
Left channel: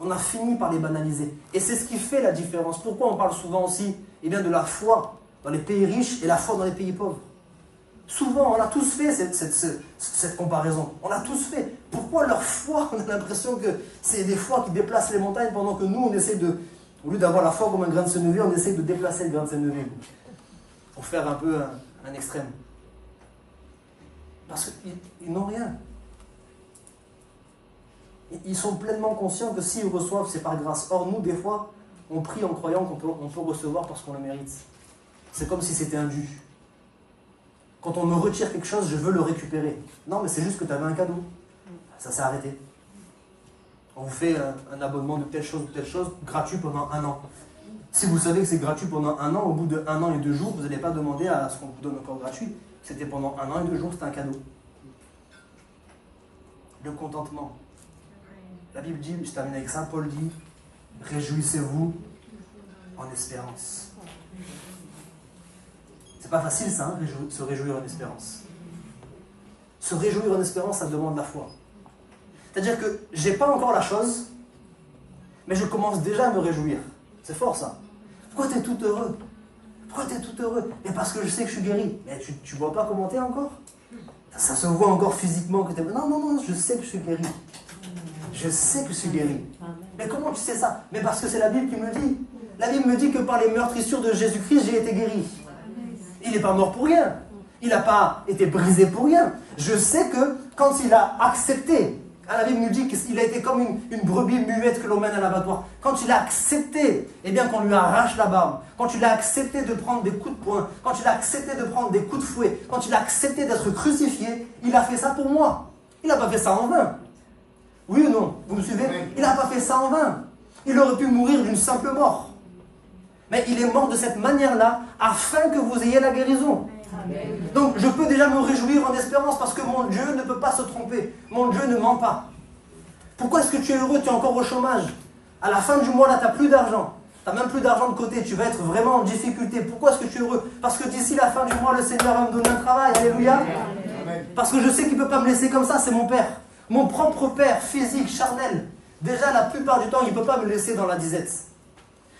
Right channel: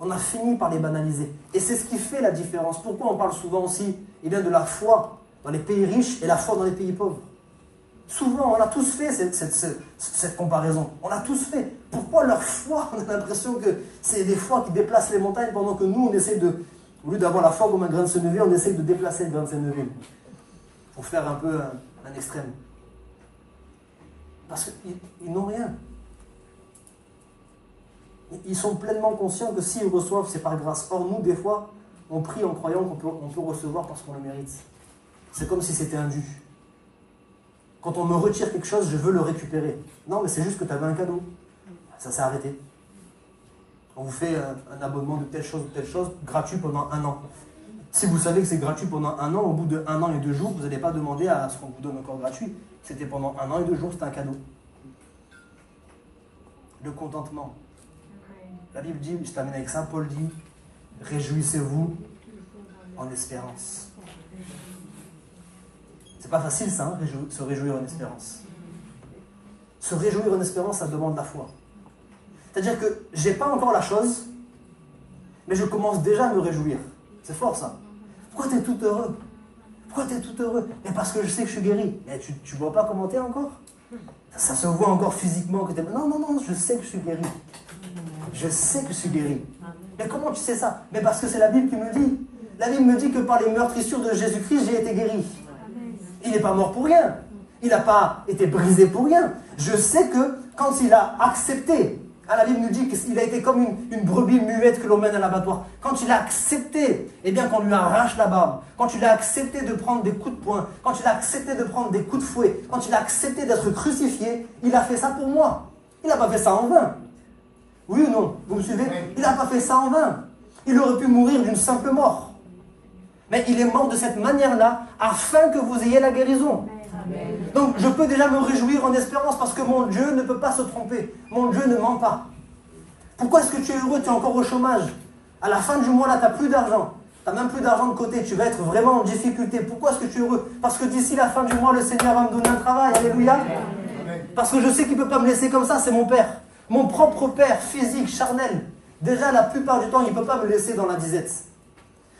On a fini par les banaliser. Et c'est ce qui fait la différence. Pourquoi on parle souvent aussi de la foi dans les pays riches et la foi dans les pays pauvres? Souvent, on a tous fait cette comparaison. On l'a tous fait. Pourquoi leur foi, on a l'impression que c'est des foi qui déplacent les montagnes pendant que nous, on essaie de... Au lieu d'avoir la foi comme un grain de sénévé, on essaie de déplacer le grain de sénévé. Pour faire un peu un extrême. Parce qu'ils n'ont rien. Ils sont pleinement conscients que s'ils reçoivent, c'est par grâce. Or, nous, des fois, on prie en croyant qu'on peut recevoir parce qu'on le mérite. C'est comme si c'était un dû. Quand on me retire quelque chose, je veux le récupérer. Non, mais c'est juste que tu avais un cadeau. Ça s'est arrêté. On vous fait un abonnement de telle chose ou telle chose gratuit pendant 1 an. Si vous savez que c'est gratuit pendant 1 an, au bout de 1 an et 2 jours, vous n'allez pas demander à ce qu'on vous donne encore gratuit. C'était pendant 1 an et 2 jours, c'était un cadeau. Le contentement. La Bible dit, je termine avec ça, Paul dit, réjouissez-vous en espérance. C'est pas facile ça, hein, se réjouir en espérance. Se réjouir en espérance, ça demande la foi. C'est-à-dire que j'ai pas encore la chose, mais je commence déjà à me réjouir. C'est fort ça. Pourquoi tu es tout heureux? Pourquoi tu es tout heureux? Mais parce que je sais que je suis guéri. Mais tu vois pas comment tu es encore? Ça se voit encore physiquement que tu es... Non, je sais que je suis guéri. Je sais que je suis guéri. Mais comment tu sais ça? Mais parce que c'est la Bible qui me dit. La Bible me dit que par les meurtrissures de Jésus-Christ, j'ai été guéri. Il n'est pas mort pour rien. Il n'a pas été brisé pour rien. Je sais que quand il a accepté, la Bible nous dit qu'il a été comme une brebis muette que l'on mène à l'abattoir. Quand il a accepté, eh bien qu'on lui arrache la barbe, quand il a accepté de prendre des coups de poing, quand il a accepté de prendre des coups de fouet, quand il a accepté d'être crucifié, il a fait ça pour moi. Il n'a pas fait ça en vain. Oui ou non? Vous me suivez? Il n'a pas fait ça en vain. Il aurait pu mourir d'une simple mort. Mais il est mort de cette manière-là, afin que vous ayez la guérison. Amen. Donc je peux déjà me réjouir en espérance, parce que mon Dieu ne peut pas se tromper. Mon Dieu ne ment pas. Pourquoi est-ce que tu es heureux? Tu es encore au chômage. À la fin du mois, là, tu n'as plus d'argent. Tu n'as même plus d'argent de côté, tu vas être vraiment en difficulté. Pourquoi est-ce que tu es heureux? Parce que d'ici la fin du mois, le Seigneur va me donner un travail. Alléluia. Parce que je sais qu'il ne peut pas me laisser comme ça, c'est mon père. Mon propre père, physique, charnel. Déjà, la plupart du temps, il ne peut pas me laisser dans la disette.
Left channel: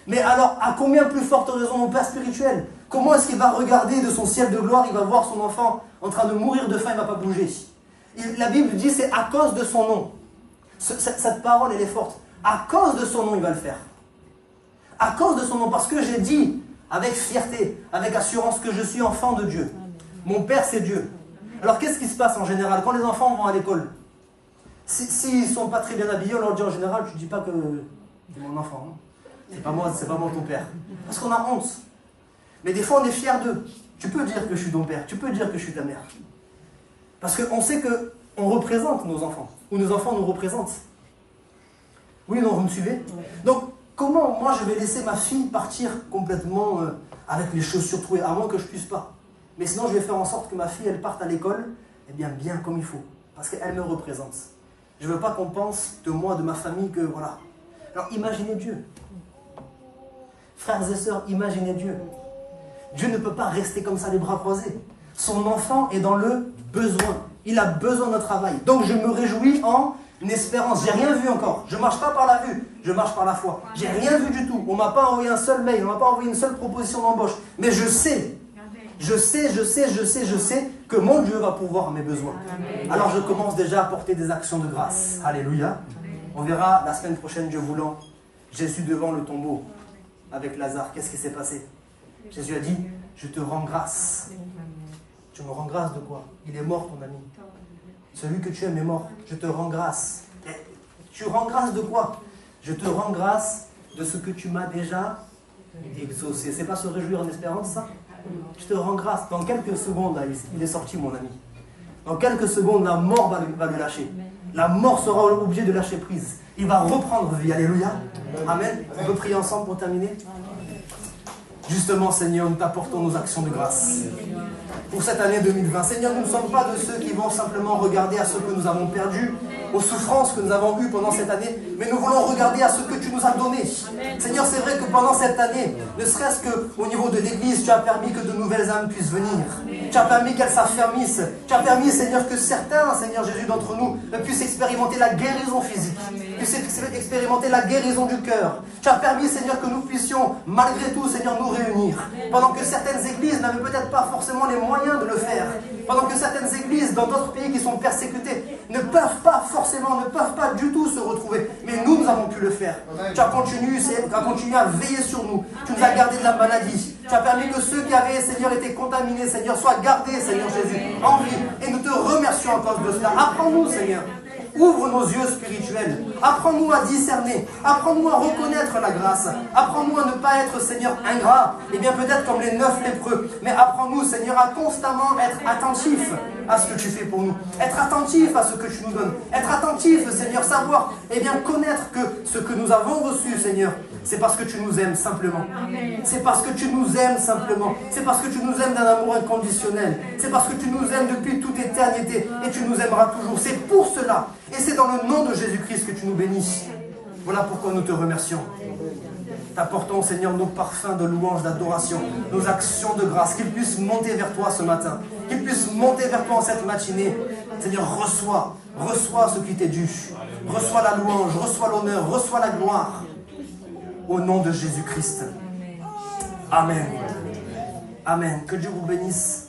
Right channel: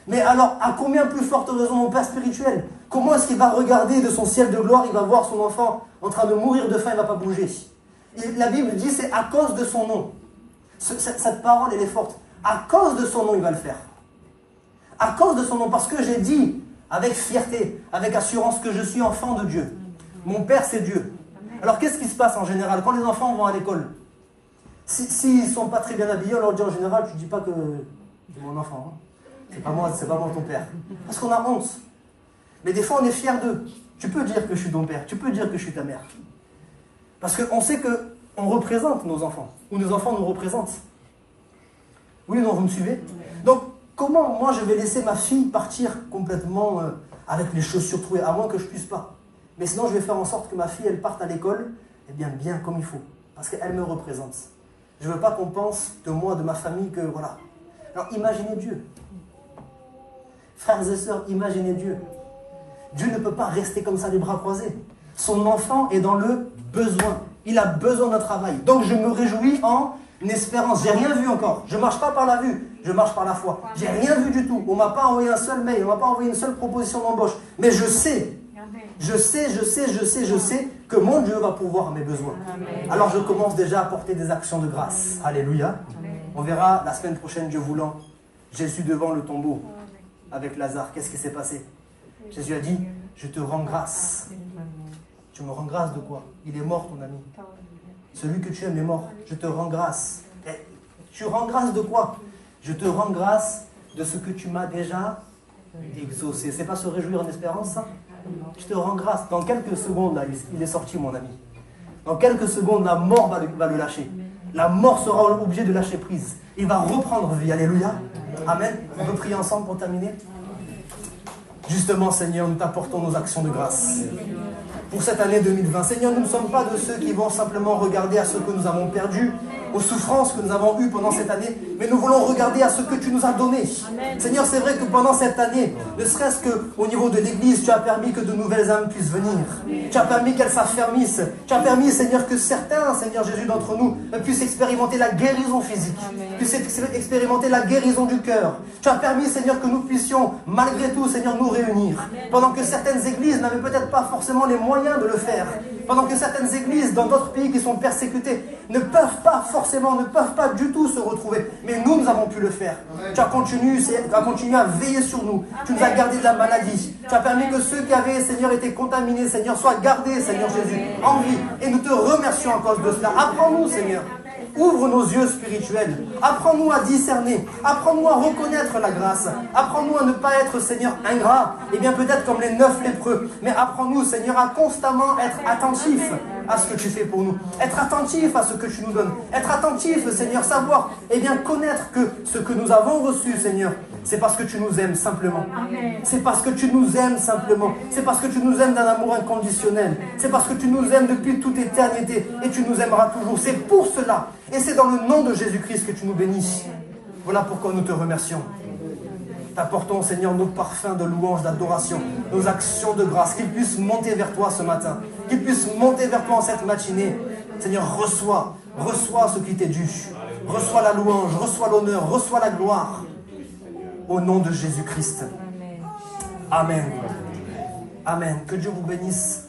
Mais alors, à combien plus forte raison mon père spirituel? Comment est-ce qu'il va regarder de son ciel de gloire, il va voir son enfant en train de mourir de faim, il ne va pas bouger? La Bible dit, c'est à cause de son nom. Cette parole, elle est forte. À cause de son nom, il va le faire. À cause de son nom, parce que j'ai dit avec fierté, avec assurance que je suis enfant de Dieu. Mon Père, c'est Dieu. Alors, qu'est-ce qui se passe en général quand les enfants vont à l'école? S'ils ne sont pas très bien habillés, on leur dit en général, tu ne dis pas que c'est mon enfant. Hein. C'est pas moi ton père. Parce qu'on a honte. Mais des fois, on est fiers d'eux. Tu peux dire que je suis ton père, tu peux dire que je suis ta mère. Parce qu'on sait qu'on représente nos enfants, ou nos enfants nous représentent. Oui, non, vous me suivez? Donc, comment moi je vais laisser ma fille partir complètement avec les chaussures trouées, à moins que je puisse pas? Mais sinon, je vais faire en sorte que ma fille, elle parte à l'école, eh bien comme il faut. Parce qu'elle me représente. Je ne veux pas qu'on pense de moi, de ma famille, que voilà. Alors, imaginez Dieu. Frères et sœurs, imaginez Dieu. Dieu ne peut pas rester comme ça, les bras croisés. Son enfant est dans le besoin. Il a besoin d'un travail. Donc, je me réjouis en espérance. J'ai rien vu encore. Je ne marche pas par la vue, je marche par la foi. J'ai rien vu du tout. On ne m'a pas envoyé un seul mail, on ne m'a pas envoyé une seule proposition d'embauche. Mais je sais que mon Dieu va pourvoir mes besoins. Alors je commence déjà à porter des actions de grâce. Alléluia. On verra la semaine prochaine, Dieu voulant, Jésus devant le tombeau avec Lazare. Qu'est-ce qui s'est passé? Jésus a dit, je te rends grâce. Tu me rends grâce de quoi? Il est mort, ton ami. Celui que tu aimes est mort. Je te rends grâce. Et tu rends grâce de quoi? Je te rends grâce de ce que tu m'as déjà exaucé. C'est pas se réjouir en espérance, ça? Je te rends grâce. Dans quelques secondes, là, il est sorti, mon ami. Dans quelques secondes, la mort va le lâcher. La mort sera obligée de lâcher prise. Il va reprendre vie. Alléluia. Amen. On peut prier ensemble pour terminer? Justement, Seigneur, nous t'apportons nos actions de grâce. Pour cette année 2020. Seigneur, nous ne sommes pas de ceux qui vont simplement regarder à ce que nous avons perdu, aux souffrances que nous avons eues pendant cette année, mais nous voulons regarder à ce que tu nous as donné. Amen. Seigneur, c'est vrai que pendant cette année, ne serait-ce qu'au niveau de l'Église, tu as permis que de nouvelles âmes puissent venir. Amen. Tu as permis qu'elles s'affermissent. Tu as permis, Seigneur, que certains, Seigneur Jésus, d'entre nous, puissent expérimenter la guérison physique, puissent expérimenter la guérison du cœur. Tu as permis, Seigneur, que nous puissions, malgré tout, Seigneur, nous réunir. Pendant que certaines églises n'avaient peut-être pas forcément les moyens de le faire. Pendant que certaines églises dans d'autres pays qui sont persécutées ne peuvent pas du tout se retrouver. Mais nous avons pu le faire. Tu as continué à veiller sur nous. Tu nous as gardés de la maladie. Tu as permis que ceux qui avaient, Seigneur, été contaminés, Seigneur, soient gardés, Seigneur Jésus, en vie. Et nous te remercions à cause de cela. Apprends-nous, Seigneur. Ouvre nos yeux spirituels. Apprends-nous à discerner. Apprends-nous à reconnaître la grâce. Apprends-nous à ne pas être, Seigneur, ingrat. Et bien peut-être comme les 9 lépreux. Mais apprends-nous, Seigneur, à constamment être attentif à ce que tu fais pour nous. Être attentif à ce que tu nous donnes. Être attentif, Seigneur, savoir et bien connaître que ce que nous avons reçu, Seigneur, c'est parce que tu nous aimes simplement. C'est parce que tu nous aimes simplement. C'est parce que tu nous aimes d'un amour inconditionnel. C'est parce que tu nous aimes depuis toute éternité. Et tu nous aimeras toujours. C'est pour cela. Et c'est dans le nom de Jésus-Christ que tu nous bénis. Voilà pourquoi nous te remercions. T'apportons, Seigneur, nos parfums de louange, d'adoration, nos actions de grâce, qu'ils puissent monter vers toi ce matin, qu'ils puissent monter vers toi en cette matinée. Seigneur, reçois ce qui t'est dû. Reçois la louange, reçois l'honneur, reçois la gloire. Au nom de Jésus-Christ. Amen. Amen. Que Dieu vous bénisse.